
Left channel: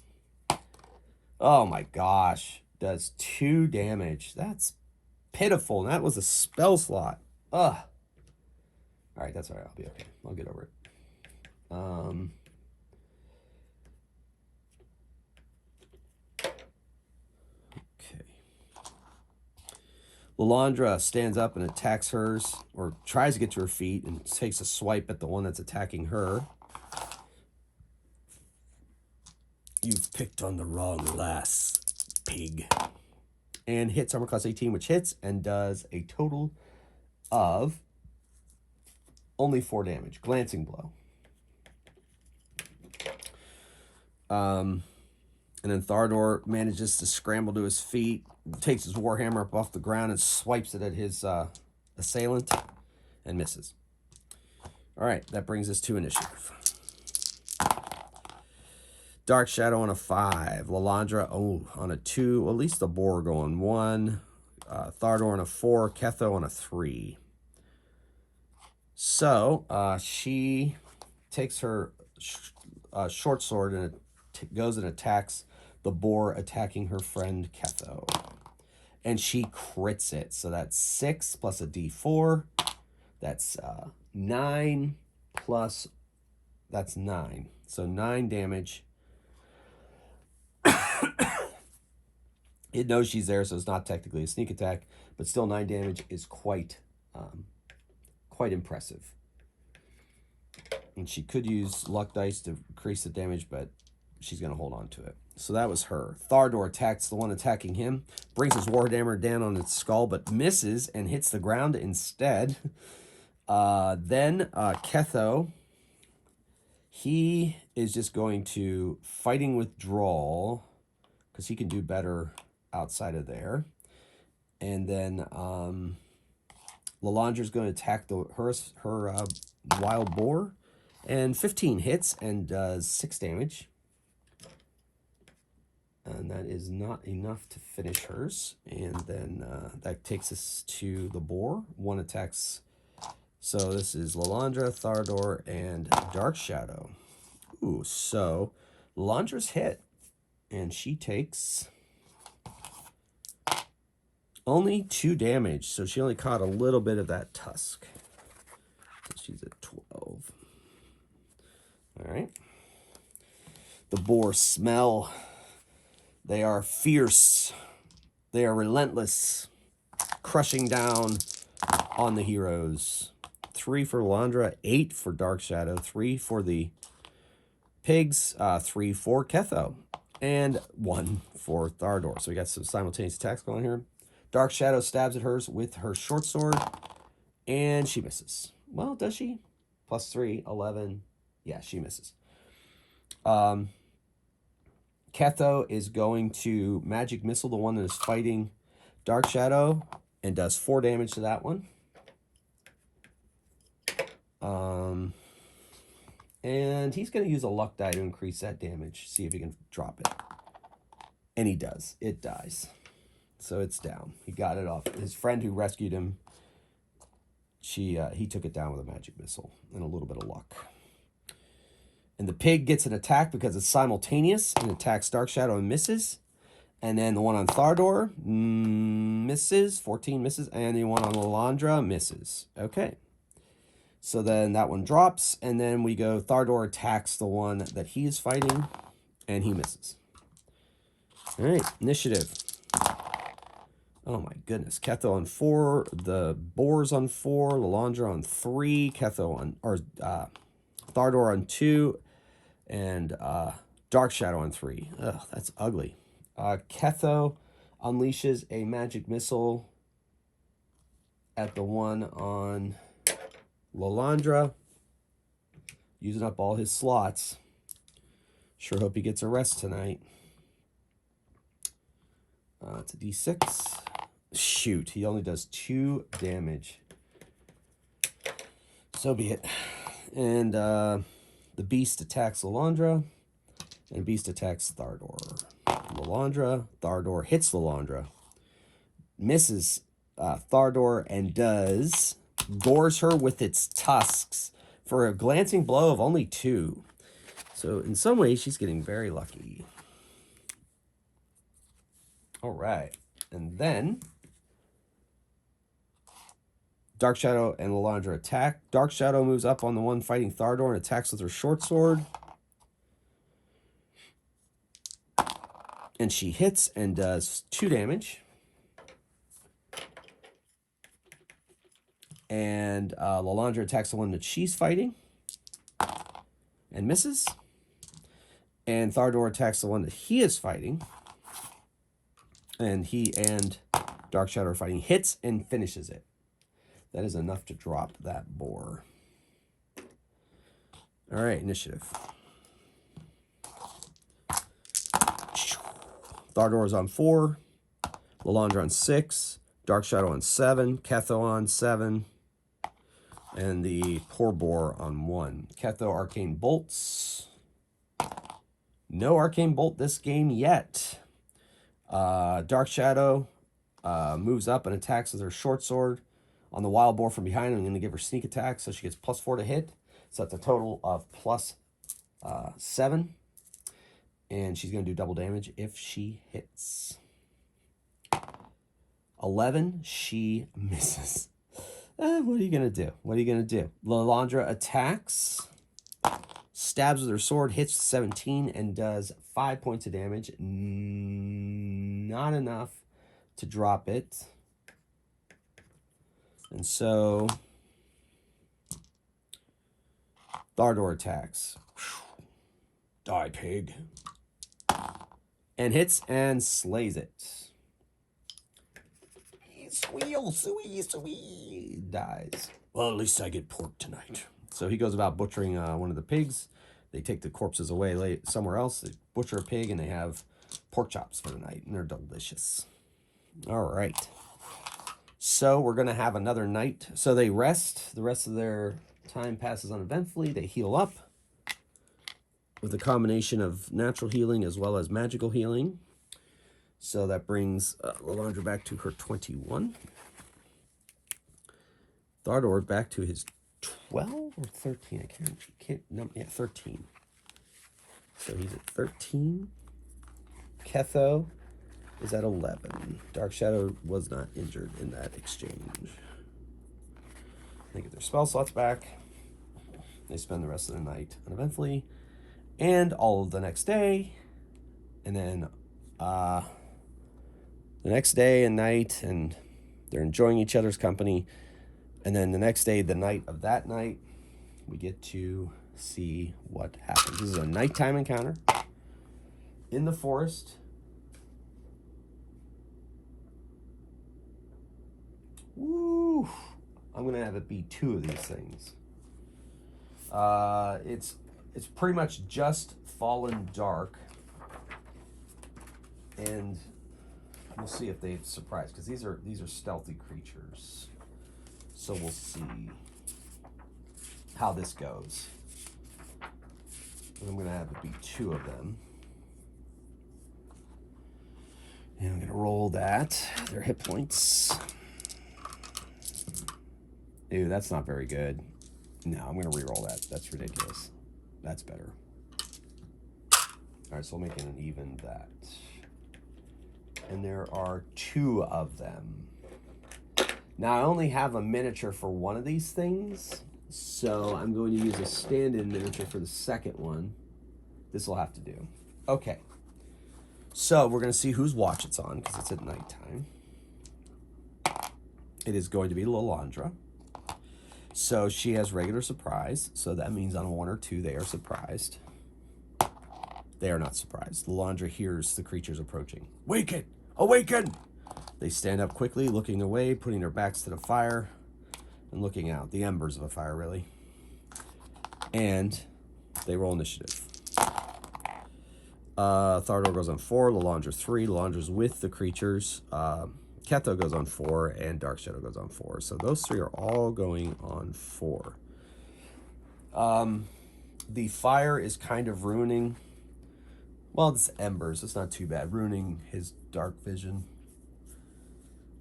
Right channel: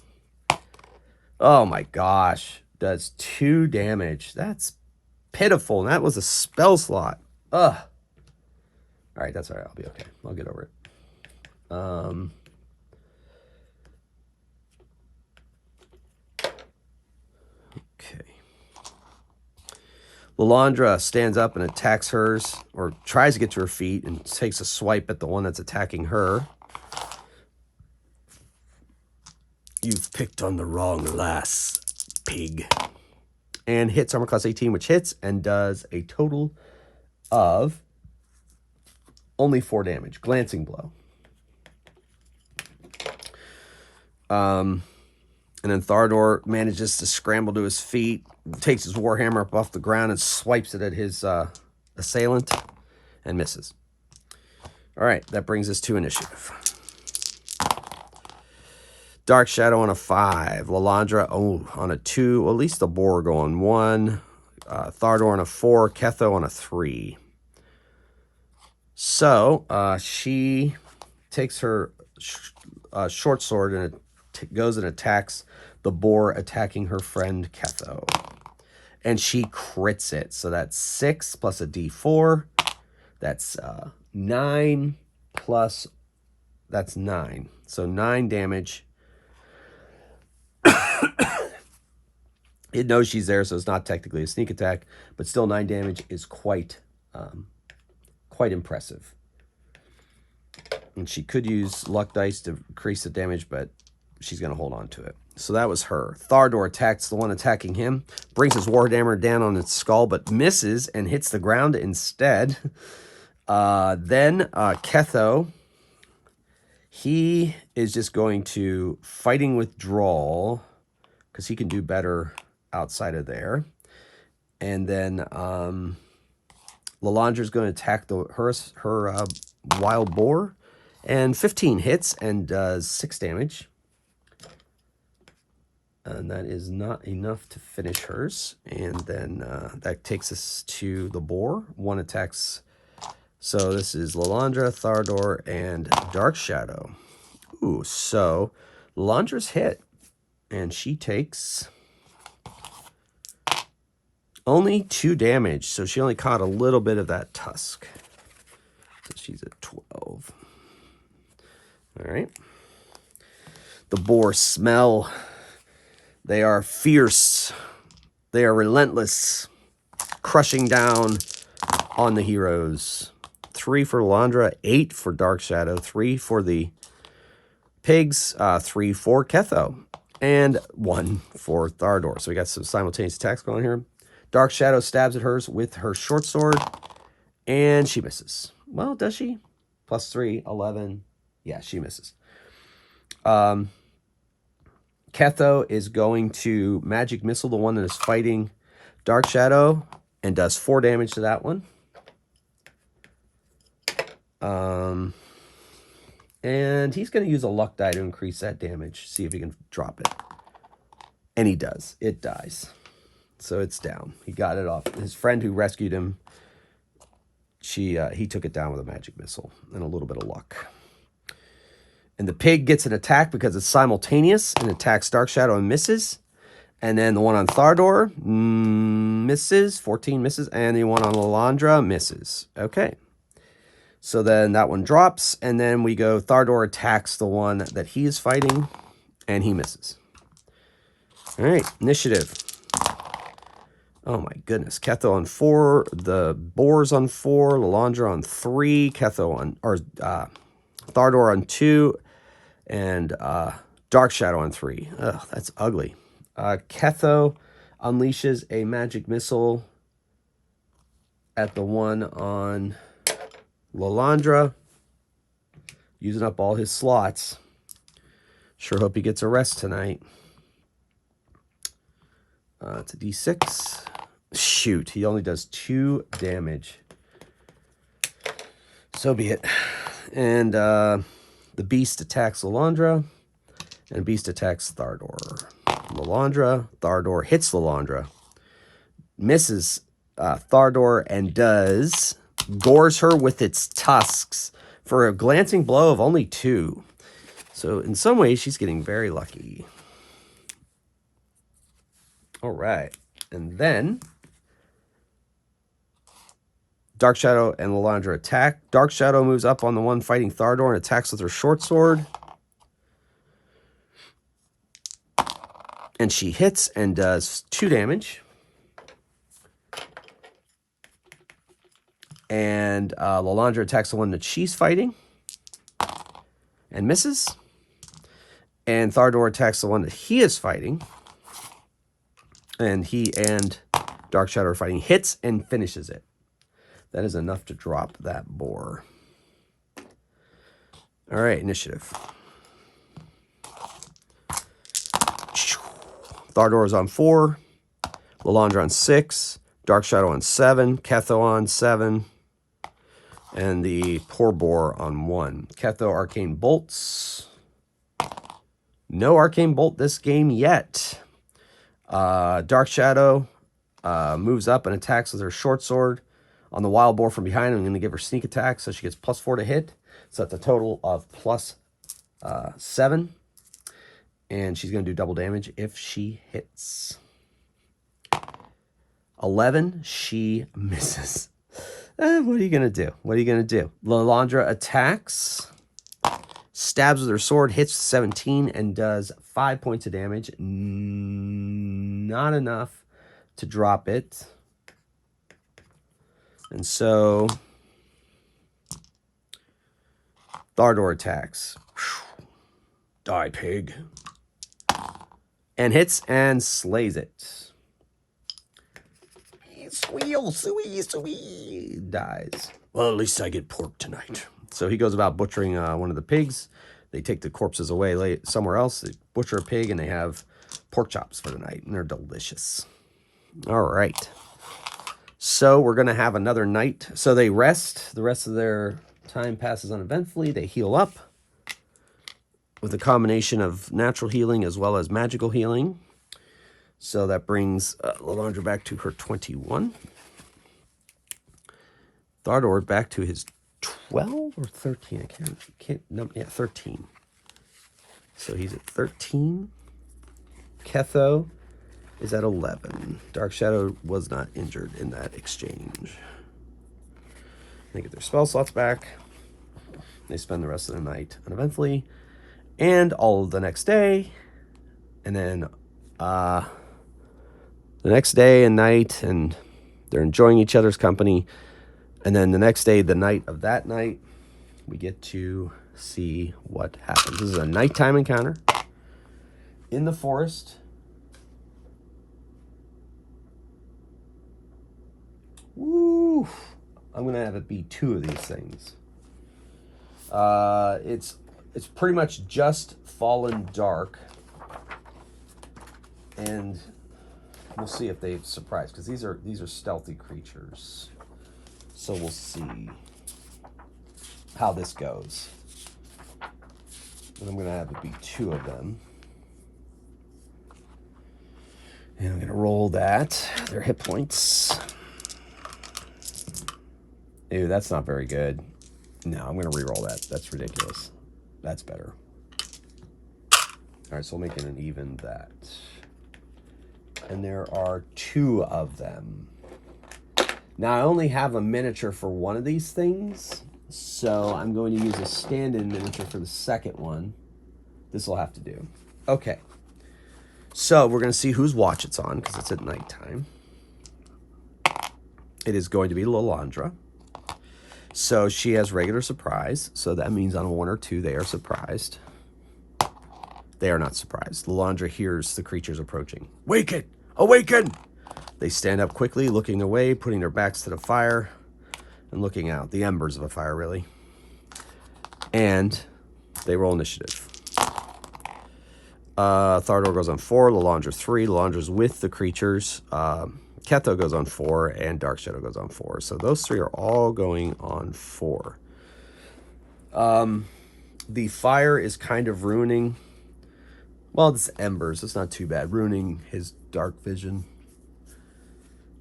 Oh my gosh. Does 2 damage. That's pitiful. And that was a spell slot. Ugh. All right, that's all right. I'll be okay. I'll get over it. Okay. Lalandra stands up and attacks hers, or tries to get to her feet, and takes a swipe at the one that's attacking her. You've picked on the wrong lass, pig. And hits armor class 18, which hits and does a total of only 4 damage. Glancing blow. And then Thardor manages to scramble to his feet, takes his warhammer up off the ground and swipes it at his assailant and misses. All right, that brings us to initiative. Dark Shadow on a 5. Lalandra on a 2. Well, at least the boar going 1. Thardor on a 4. Ketho on a 3. So she takes her short sword and goes and attacks the boar attacking her friend Ketho. And she crits it. So that's 6 plus a d4. That's 9 plus... That's 9. So 9 damage. It knows she's there, so it's not technically a sneak attack, but still 9 damage is quite impressive. And she could use luck dice to increase the damage, but she's going to hold on to it. So that was her. Thardor attacks the one attacking him, brings his warhammer down on its skull, but misses and hits the ground instead. Then Ketho, he is just going to fighting withdrawal because he can do better outside of there. And then Lalandra's going to attack her wild boar, and 15 hits and does 6 damage. And that is not enough to finish hers. And then that takes us to the boar. 1 attacks. So this is Lalandra, Thardor, and Dark Shadow. Ooh, so Lalandra's hit. And she takes only 2 damage. So she only caught a little bit of that tusk. So she's at 12. All right. The boar smell. They are fierce. They are relentless. Crushing down on the heroes. 3 for Lalandra, 8 for Dark Shadow, 3 for the pigs, 3 for Ketho, and 1 for Thardor. So we got some simultaneous attacks going here. Dark Shadow stabs at hers with her short sword, and she misses. Well, does she? +3, 11. Yeah, she misses. Ketho is going to magic missile the one that is fighting Dark Shadow and does 4 damage to that one. And he's going to use a luck die to increase that damage. See if he can drop it. And he does. It dies. So it's down. He got it off. His friend who rescued him he took it down with a magic missile and a little bit of luck. And the pig gets an attack because it's simultaneous and attacks Dark Shadow and misses. And then the one on Thardor misses, 14 misses, and the one on Lalandra misses. Okay. So then that one drops, and then we go Thardor attacks the one that he is fighting, and he misses. All right, initiative. Oh my goodness. Ketho on 4, the boar's on 4, Lalandra on 3, Ketho on, or Thardor on 2, and Dark Shadow on 3. Ugh, that's ugly. Ketho unleashes a magic missile at the one on Lalandra, using up all his slots. Sure hope he gets a rest tonight. It's a D6. Shoot, he only does 2 damage. So be it. And the beast attacks Lalandra, and beast attacks Thardor. Lalandra, Thardor hits Lalandra, misses Thardor, and gores her with its tusks for a glancing blow of only 2. So in some ways, she's getting very lucky. All right. And then Dark Shadow and Lalandra attack. Dark Shadow moves up on the one fighting Thardor and attacks with her short sword. And she hits and does 2 damage. And Lalandra attacks the one that she's fighting and misses. And Thardor attacks the one that he is fighting. And he and Dark Shadow are fighting, hits and finishes it. That is enough to drop that boar. All right, initiative. Thardor is on 4, Lalandra on 6, Dark Shadow on 7, Ketho on 7, and the poor boar on 1. Ketho Arcane Bolts. No Arcane Bolt this game yet. Dark Shadow moves up and attacks with her short sword on the wild boar from behind. I'm going to give her sneak attack, so she gets +4 to hit. So that's a total of +7. And she's going to do double damage if she hits. 11, she misses. What are you going to do? What are you going to do? Lalandra attacks, stabs with her sword, hits 17, and does 5 points of damage. Not enough to drop it. And so Thardor attacks. Die, pig. And hits and slays it. Squeal, suey, dies. Well, at least I get pork tonight. So he goes about butchering one of the pigs. They take the corpses away somewhere else. They butcher a pig, and they have pork chops for the night, and they're delicious. All right. So we're going to have another night. So they rest. The rest of their time passes uneventfully. They heal up with a combination of natural healing as well as magical healing. So that brings Lalandra back to her 21. Thardor back to his 12 or 13. I can't number. Yeah, 13. So he's at 13. Ketho is at 11. Dark Shadow was not injured in that exchange. They get their spell slots back. They spend the rest of the night uneventfully. And all of the next day. And then the next day and night. And they're enjoying each other's company. And then the next day, the night of that night, we get to see what happens. This is a nighttime encounter in the forest. Woo! I'm going to have it be 2 of these things. It's pretty much just fallen dark. And we'll see if they surprise, because these are stealthy creatures. So we'll see how this goes. And I'm going to have it be 2 of them. And I'm going to roll that. Their hit points. Ew, that's not very good. No, I'm going to reroll that. That's ridiculous. That's better. All right, so we'll make it an even that. And there are 2 of them. Now, I only have a miniature for one of these things, so I'm going to use a stand-in miniature for the second one. This will have to do. Okay. So we're going to see whose watch it's on, because it's at nighttime. It is going to be Lalandra. So she has regular surprise, so that means on a 1 or 2, they are surprised. They are not surprised. Lalandra hears the creatures approaching. Waken! Awaken! They stand up quickly, looking away, putting their backs to the fire, and looking out. The embers of a fire, really. And they roll initiative. Thardor goes on 4, Lalandra 3. Lalandra's with the creatures. Ketho goes on 4, and Dark Shadow goes on 4. So those 3 are all going on 4. The fire is kind of ruining... Well, it's embers. It's not too bad. Ruining his dark vision.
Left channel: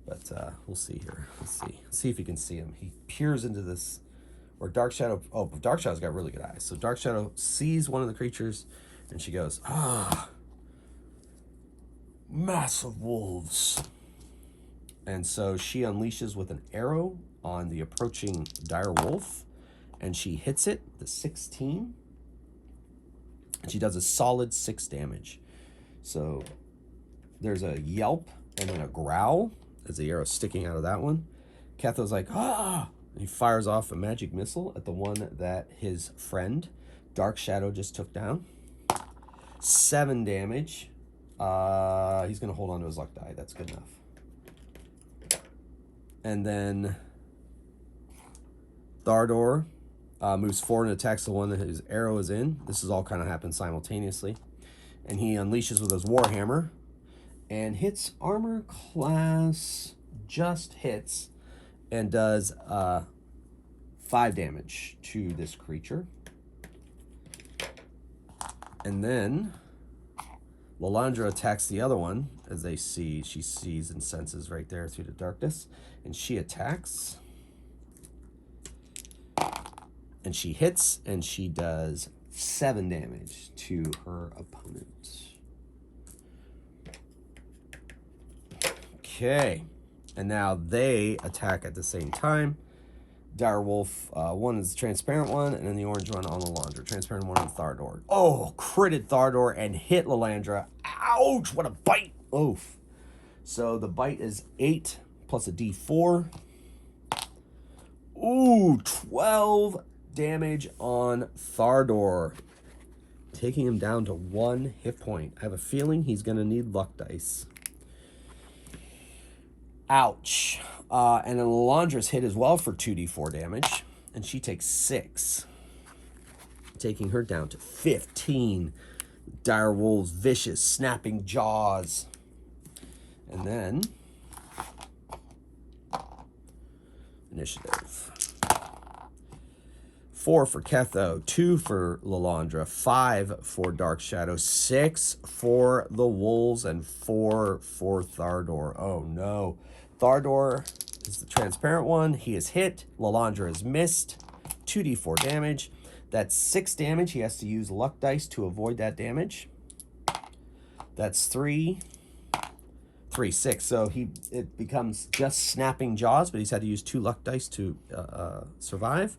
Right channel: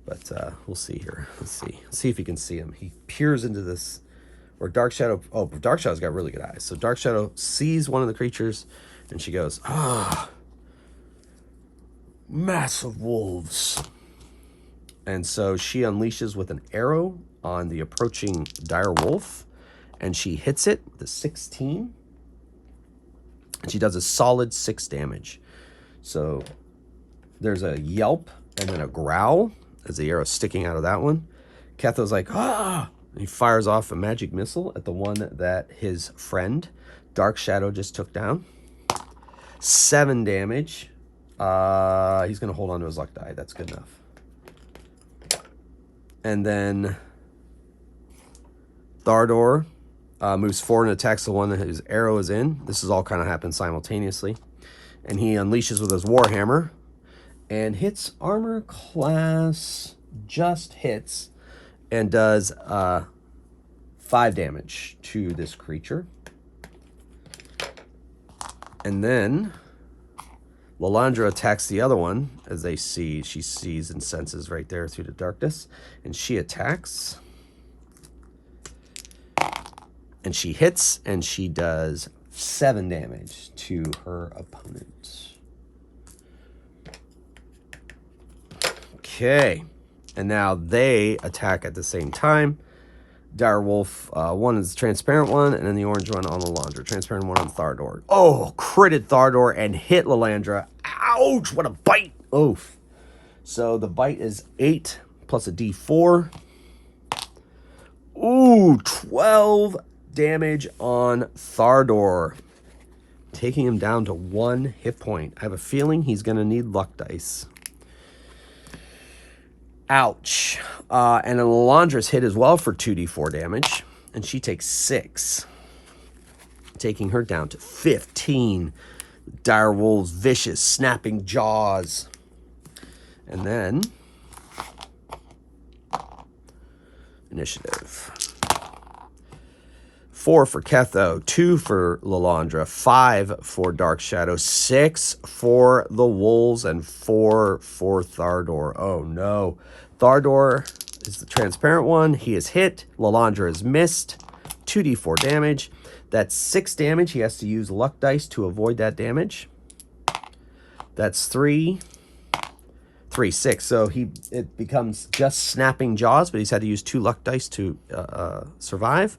But we'll see here. Let's see. Let's see if you can see him. He peers into this... Or Dark Shadow... Oh, Dark Shadow's got really good eyes. So Dark Shadow sees one of the creatures, and she goes, mass of wolves. And so she unleashes with an arrow on the approaching dire wolf, and she hits it with a 16. And she does a solid 6 damage. So there's a yelp and then a growl as the arrow's sticking out of that one. Ketho's like, ah! And he fires off a magic missile at the one that his friend, Dark Shadow, just took down. 7 damage. He's going to hold on to his luck die. That's good enough. And then Thardor moves forward and attacks the one that his arrow is in. This is all kind of happened simultaneously. And he unleashes with his warhammer and hits armor class, just hits, and does 5 damage to this creature. And then Lalandra attacks the other one, as she sees and senses right there through the darkness. And she attacks. And she hits, and she does 7 damage to her opponent. Okay. And now they attack at the same time. Dire Wolf, one is the transparent one, and then the orange one on Lalandra. Transparent one on Thardor. Oh, critted Thardor and hit Lalandra. Ouch, what a bite. Oof. So the bite is 8 plus a d4. Ooh, 12 damage on Thardor, taking him down to 1 hit point. I have a feeling he's going to need luck dice. Ouch. And then Lalandra's hit as well for 2d4 damage, and she takes 6, taking her down to 15. Dire Wolves, vicious, snapping jaws. And then initiative. 4 for Ketho, 2 for Lalandra, 5 for Dark Shadow, 6 for the Wolves, and 4 for Thardor. Oh no. Thardor is the transparent one. He is hit. Lalandra is missed. 2d4 damage. That's 6 damage. He has to use luck dice to avoid that damage. That's 3, 6. So it becomes just snapping jaws, but he's had to use 2 luck dice to survive.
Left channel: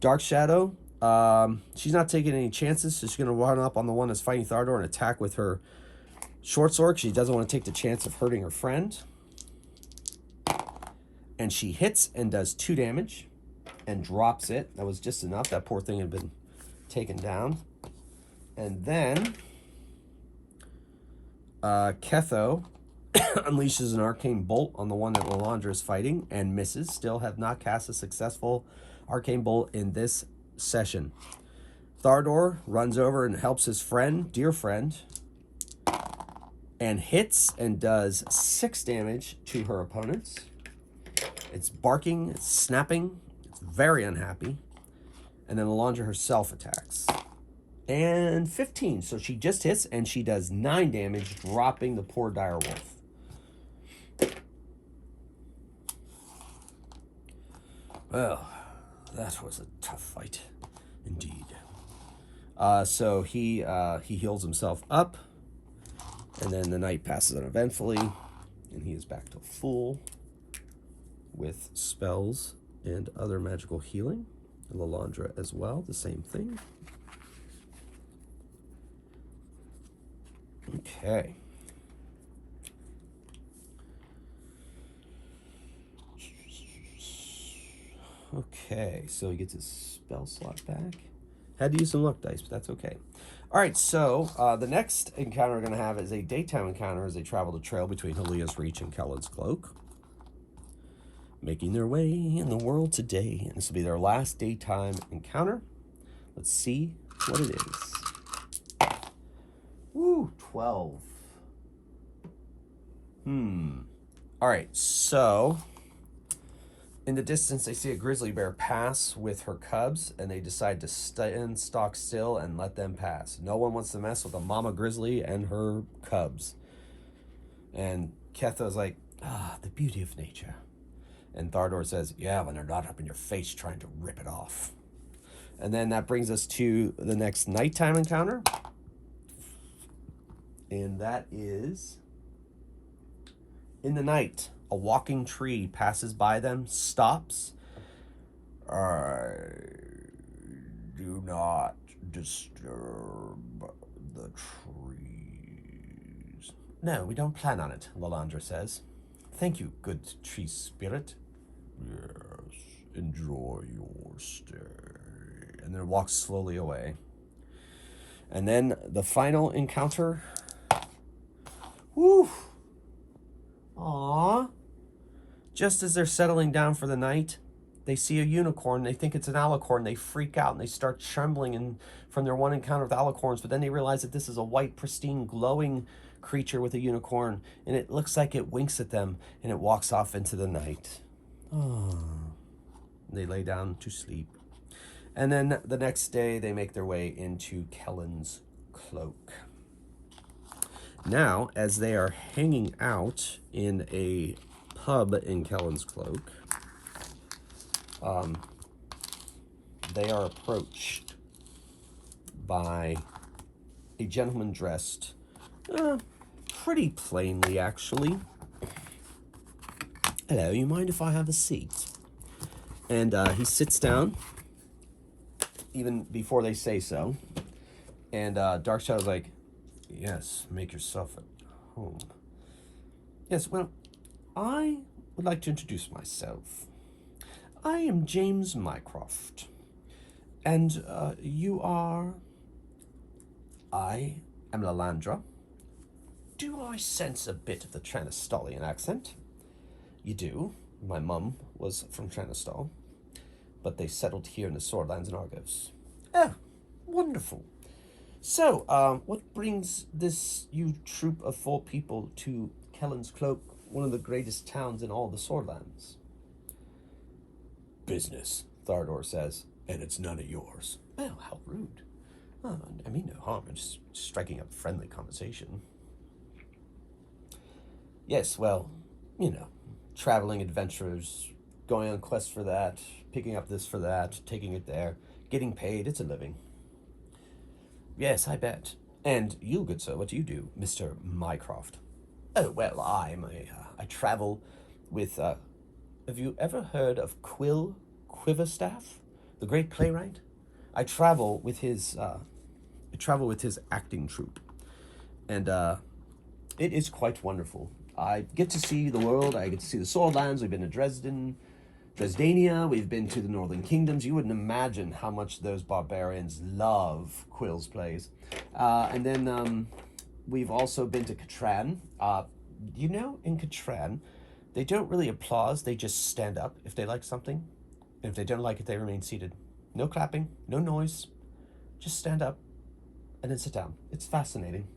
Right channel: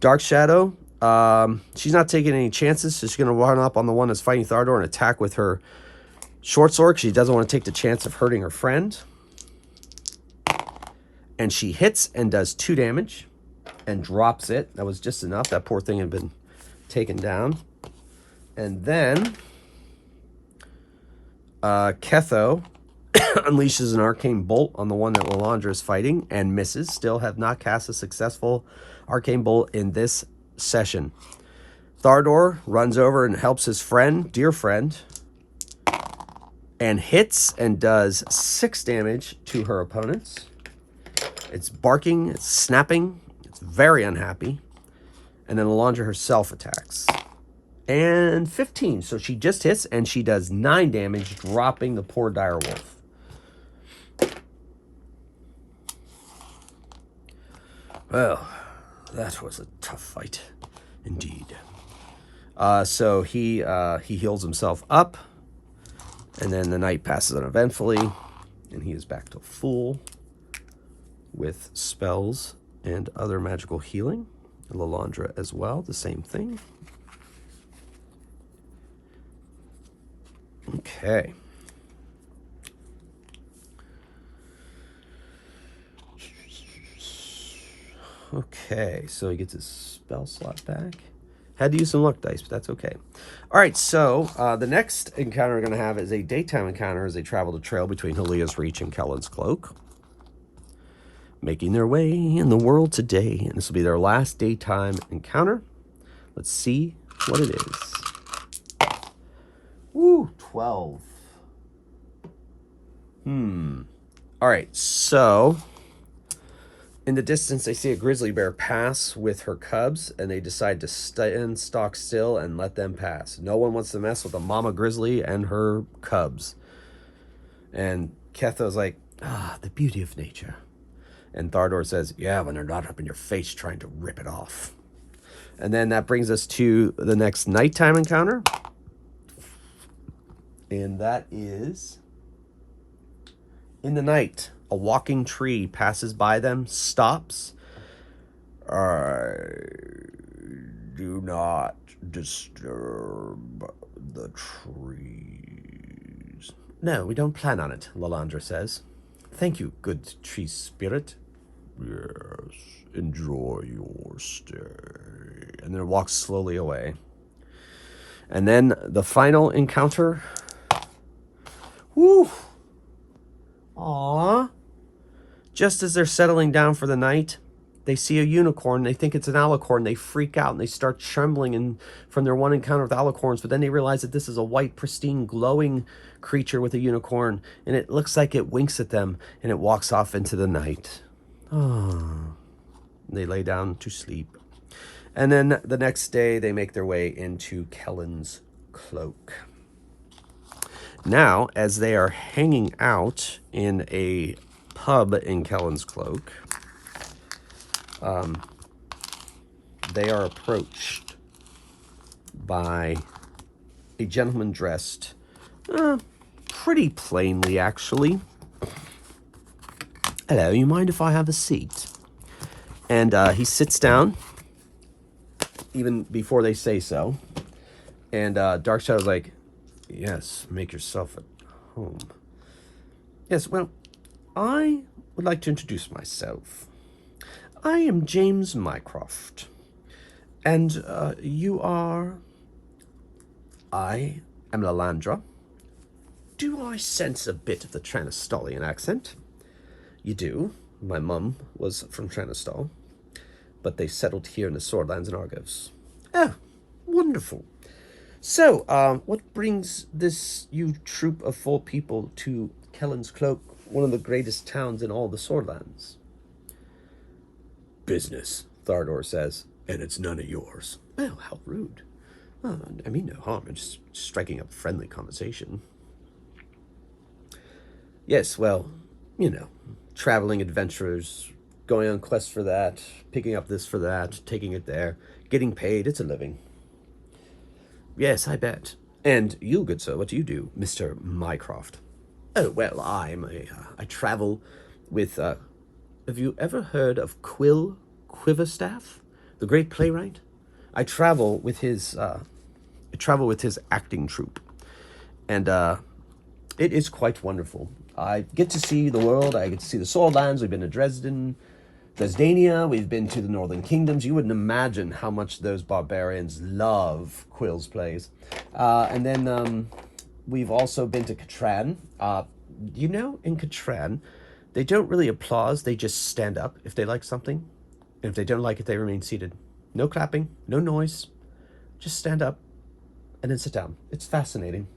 Dark Shadow, she's not taking any chances. She's going to run up on the one that's fighting Thardor and attack with her short sword, because she doesn't want to take the chance of hurting her friend. And she hits and does 2 damage and drops it. That was just enough. That poor thing had been taken down. And then Ketho unleashes an arcane bolt on the one that Lalandra is fighting and misses. Still have not cast a successful arcane bolt in this session. Thardor runs over and helps his friend, dear friend, and hits and does 6 damage to her opponents. It's barking, it's snapping, it's very unhappy. And then Lalandra herself attacks. And 15, so she just hits and she does 9 damage, dropping the poor dire wolf. Well, that was a tough fight, indeed. So he heals himself up, and then the night passes uneventfully, and he is back to full with spells and other magical healing. Lalandra as well, the same thing. Okay. Okay, so he gets his spell slot back. Had to use some luck dice, but that's okay. All right, so the next encounter we're going to have is a daytime encounter as they travel the trail between Halia's Reach and Kelen's Cloak, making their way in the world today. And this will be their last daytime encounter. Let's see what it is. Woo, 12. All right, so in the distance, they see a grizzly bear pass with her cubs, and they decide to stand stock still and let them pass. No one wants to mess with a mama grizzly and her cubs. And Ketha's like, the beauty of nature. And Thardor says, yeah, when they're not up in your face trying to rip it off. And then that brings us to the next nighttime encounter. And that is in the night. A walking tree passes by them, stops. Do not disturb the trees. No, we don't plan on it, Lalandra says. Thank you, good tree spirit. Yes, enjoy your stay. And then it walks slowly away. And then the final encounter. Woo! Aww. Just as they're settling down for the night, they see a unicorn. They think it's an alicorn. They freak out and they start trembling from their one encounter with alicorns. But then they realize that this is a white, pristine, glowing creature with a unicorn. And it looks like it winks at them and it walks off into the night. They lay down to sleep. And then the next day, they make their way into Kelen's Cloak. Now, as they are hanging out in a pub in Kelen's Cloak, they are approached by a gentleman dressed pretty plainly, actually. Hello, you mind if I have a seat? And he sits down, even before they say so. And Darkshadow's like, yes, make yourself at home. Yes, well, I would like to introduce myself. I am James Mycroft. And you are... I am Lalandra. Do I sense a bit of the Tranistolian accent? You do. My mum was from Tranistol, but they settled here in the Swordlands and Argos. Oh, wonderful. So, what brings you troop of 4 people to Kelen's Cloak, one of the greatest towns in all the Swordlands? Business, Thardor says, and it's none of yours. Well, how rude. I mean no harm in just striking up friendly conversation. Yes, well, you know, traveling adventurers, going on quests for that, picking up this for that, taking it there, getting paid, it's a living. Yes, I bet. And you, good sir, what do you do, Mr. Mycroft? Oh, well, I travel with, have you ever heard of Quill Quiverstaff, the great playwright? I travel with his acting troupe. And, it is quite wonderful. I get to see the world, I get to see the Swordlands, we've been to Dresdania, we've been to the Northern Kingdoms. You wouldn't imagine how much those barbarians love Quill's plays. And then we've also been to Catran. You know, in Catran, they don't really applause, they just stand up if they like something. And if they don't like it, they remain seated. No clapping, no noise, just stand up and then sit down. It's fascinating.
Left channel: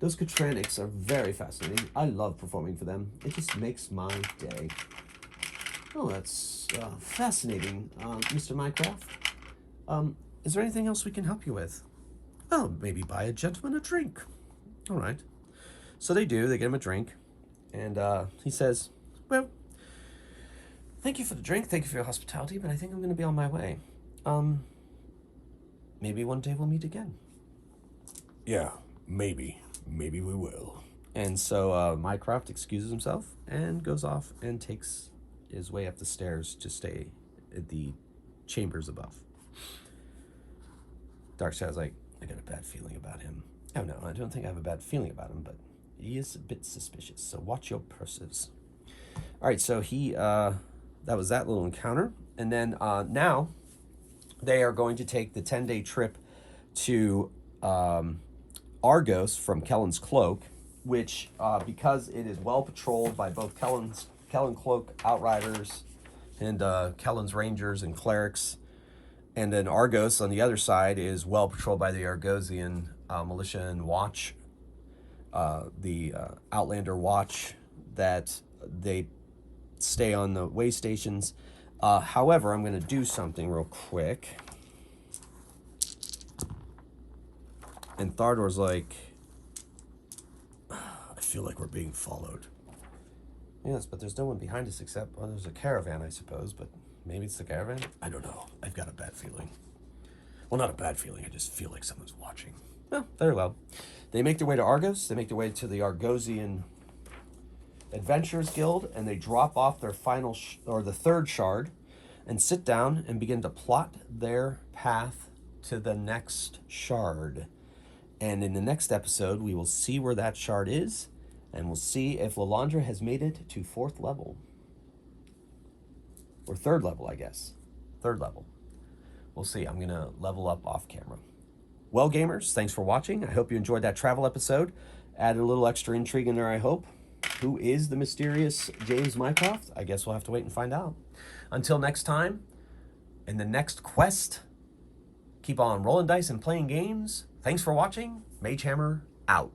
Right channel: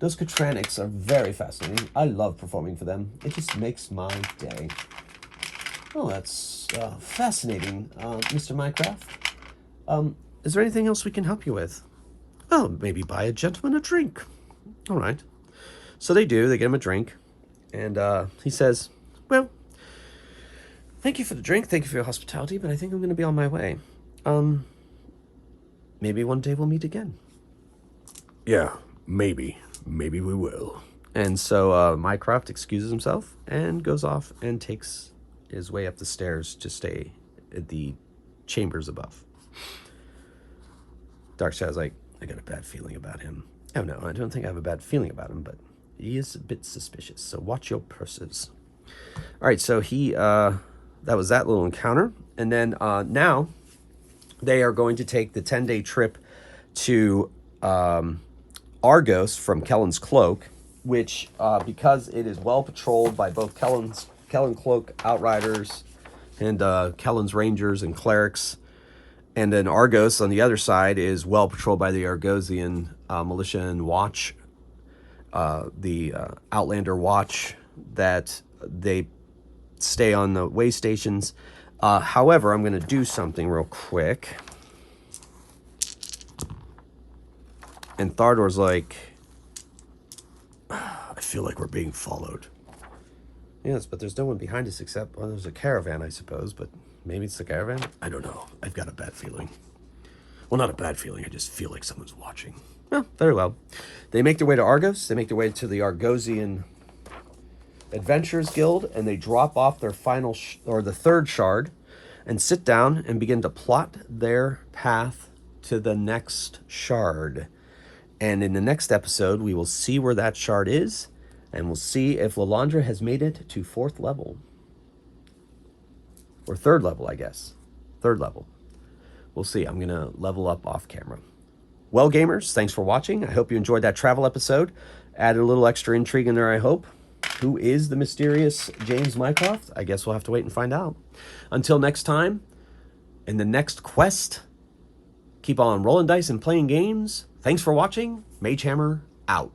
Those Catranics are very fascinating. I love performing for them. It just makes my day. Oh, that's fascinating, Mr. Mycroft. Is there anything else we can help you with? Oh, maybe buy a gentleman a drink. All right. So they do. They get him a drink. And he says, well, Thank you for the drink. Thank you for your hospitality, but I think I'm going to be on my way. Maybe one day we'll meet again. Yeah, maybe. Maybe we will. And so Mycroft excuses himself and goes off and takes his way up the stairs to stay at the chambers above. Darkshadow's like, I got a bad feeling about him. Oh no, I don't think I have a bad feeling about him, but he is a bit suspicious, so watch your purses. All right, so that was that little encounter. And then now they are going to take the 10-day trip to Argos from Kelen's Cloak, which, because it is well patrolled by both Kellen Cloak outriders and Kelen's rangers and clerics, and then Argos on the other side is well patrolled by the Argosian militia and watch, the Outlander watch, that they stay on the way stations. However, I'm going to do something real quick. And Thardor's like, I feel like we're being followed. Yes, but there's no one behind us except, well, there's a caravan, I suppose, but maybe it's the caravan? I don't know. I've got a bad feeling. Well, not a bad feeling. I just feel like someone's watching. Oh, very well. They make their way to Argos. They make their way to the Argosian Adventurers Guild, and they drop off their final, or the third shard, and sit down and begin to plot their path to the next shard. And in the next episode, we will see where that shard is, and we'll see if Lalandra has made it to 4th level. Or 3rd level, I guess. 3rd level. We'll see. I'm going to level up off camera. Well, gamers, thanks for watching. I hope you enjoyed that travel episode. Added a little extra intrigue in there, I hope. Who is the mysterious James Mycroft? I guess we'll have to wait and find out. Until next time, in the next quest, keep on rolling dice and playing games. Thanks for watching. Mage Hammer out.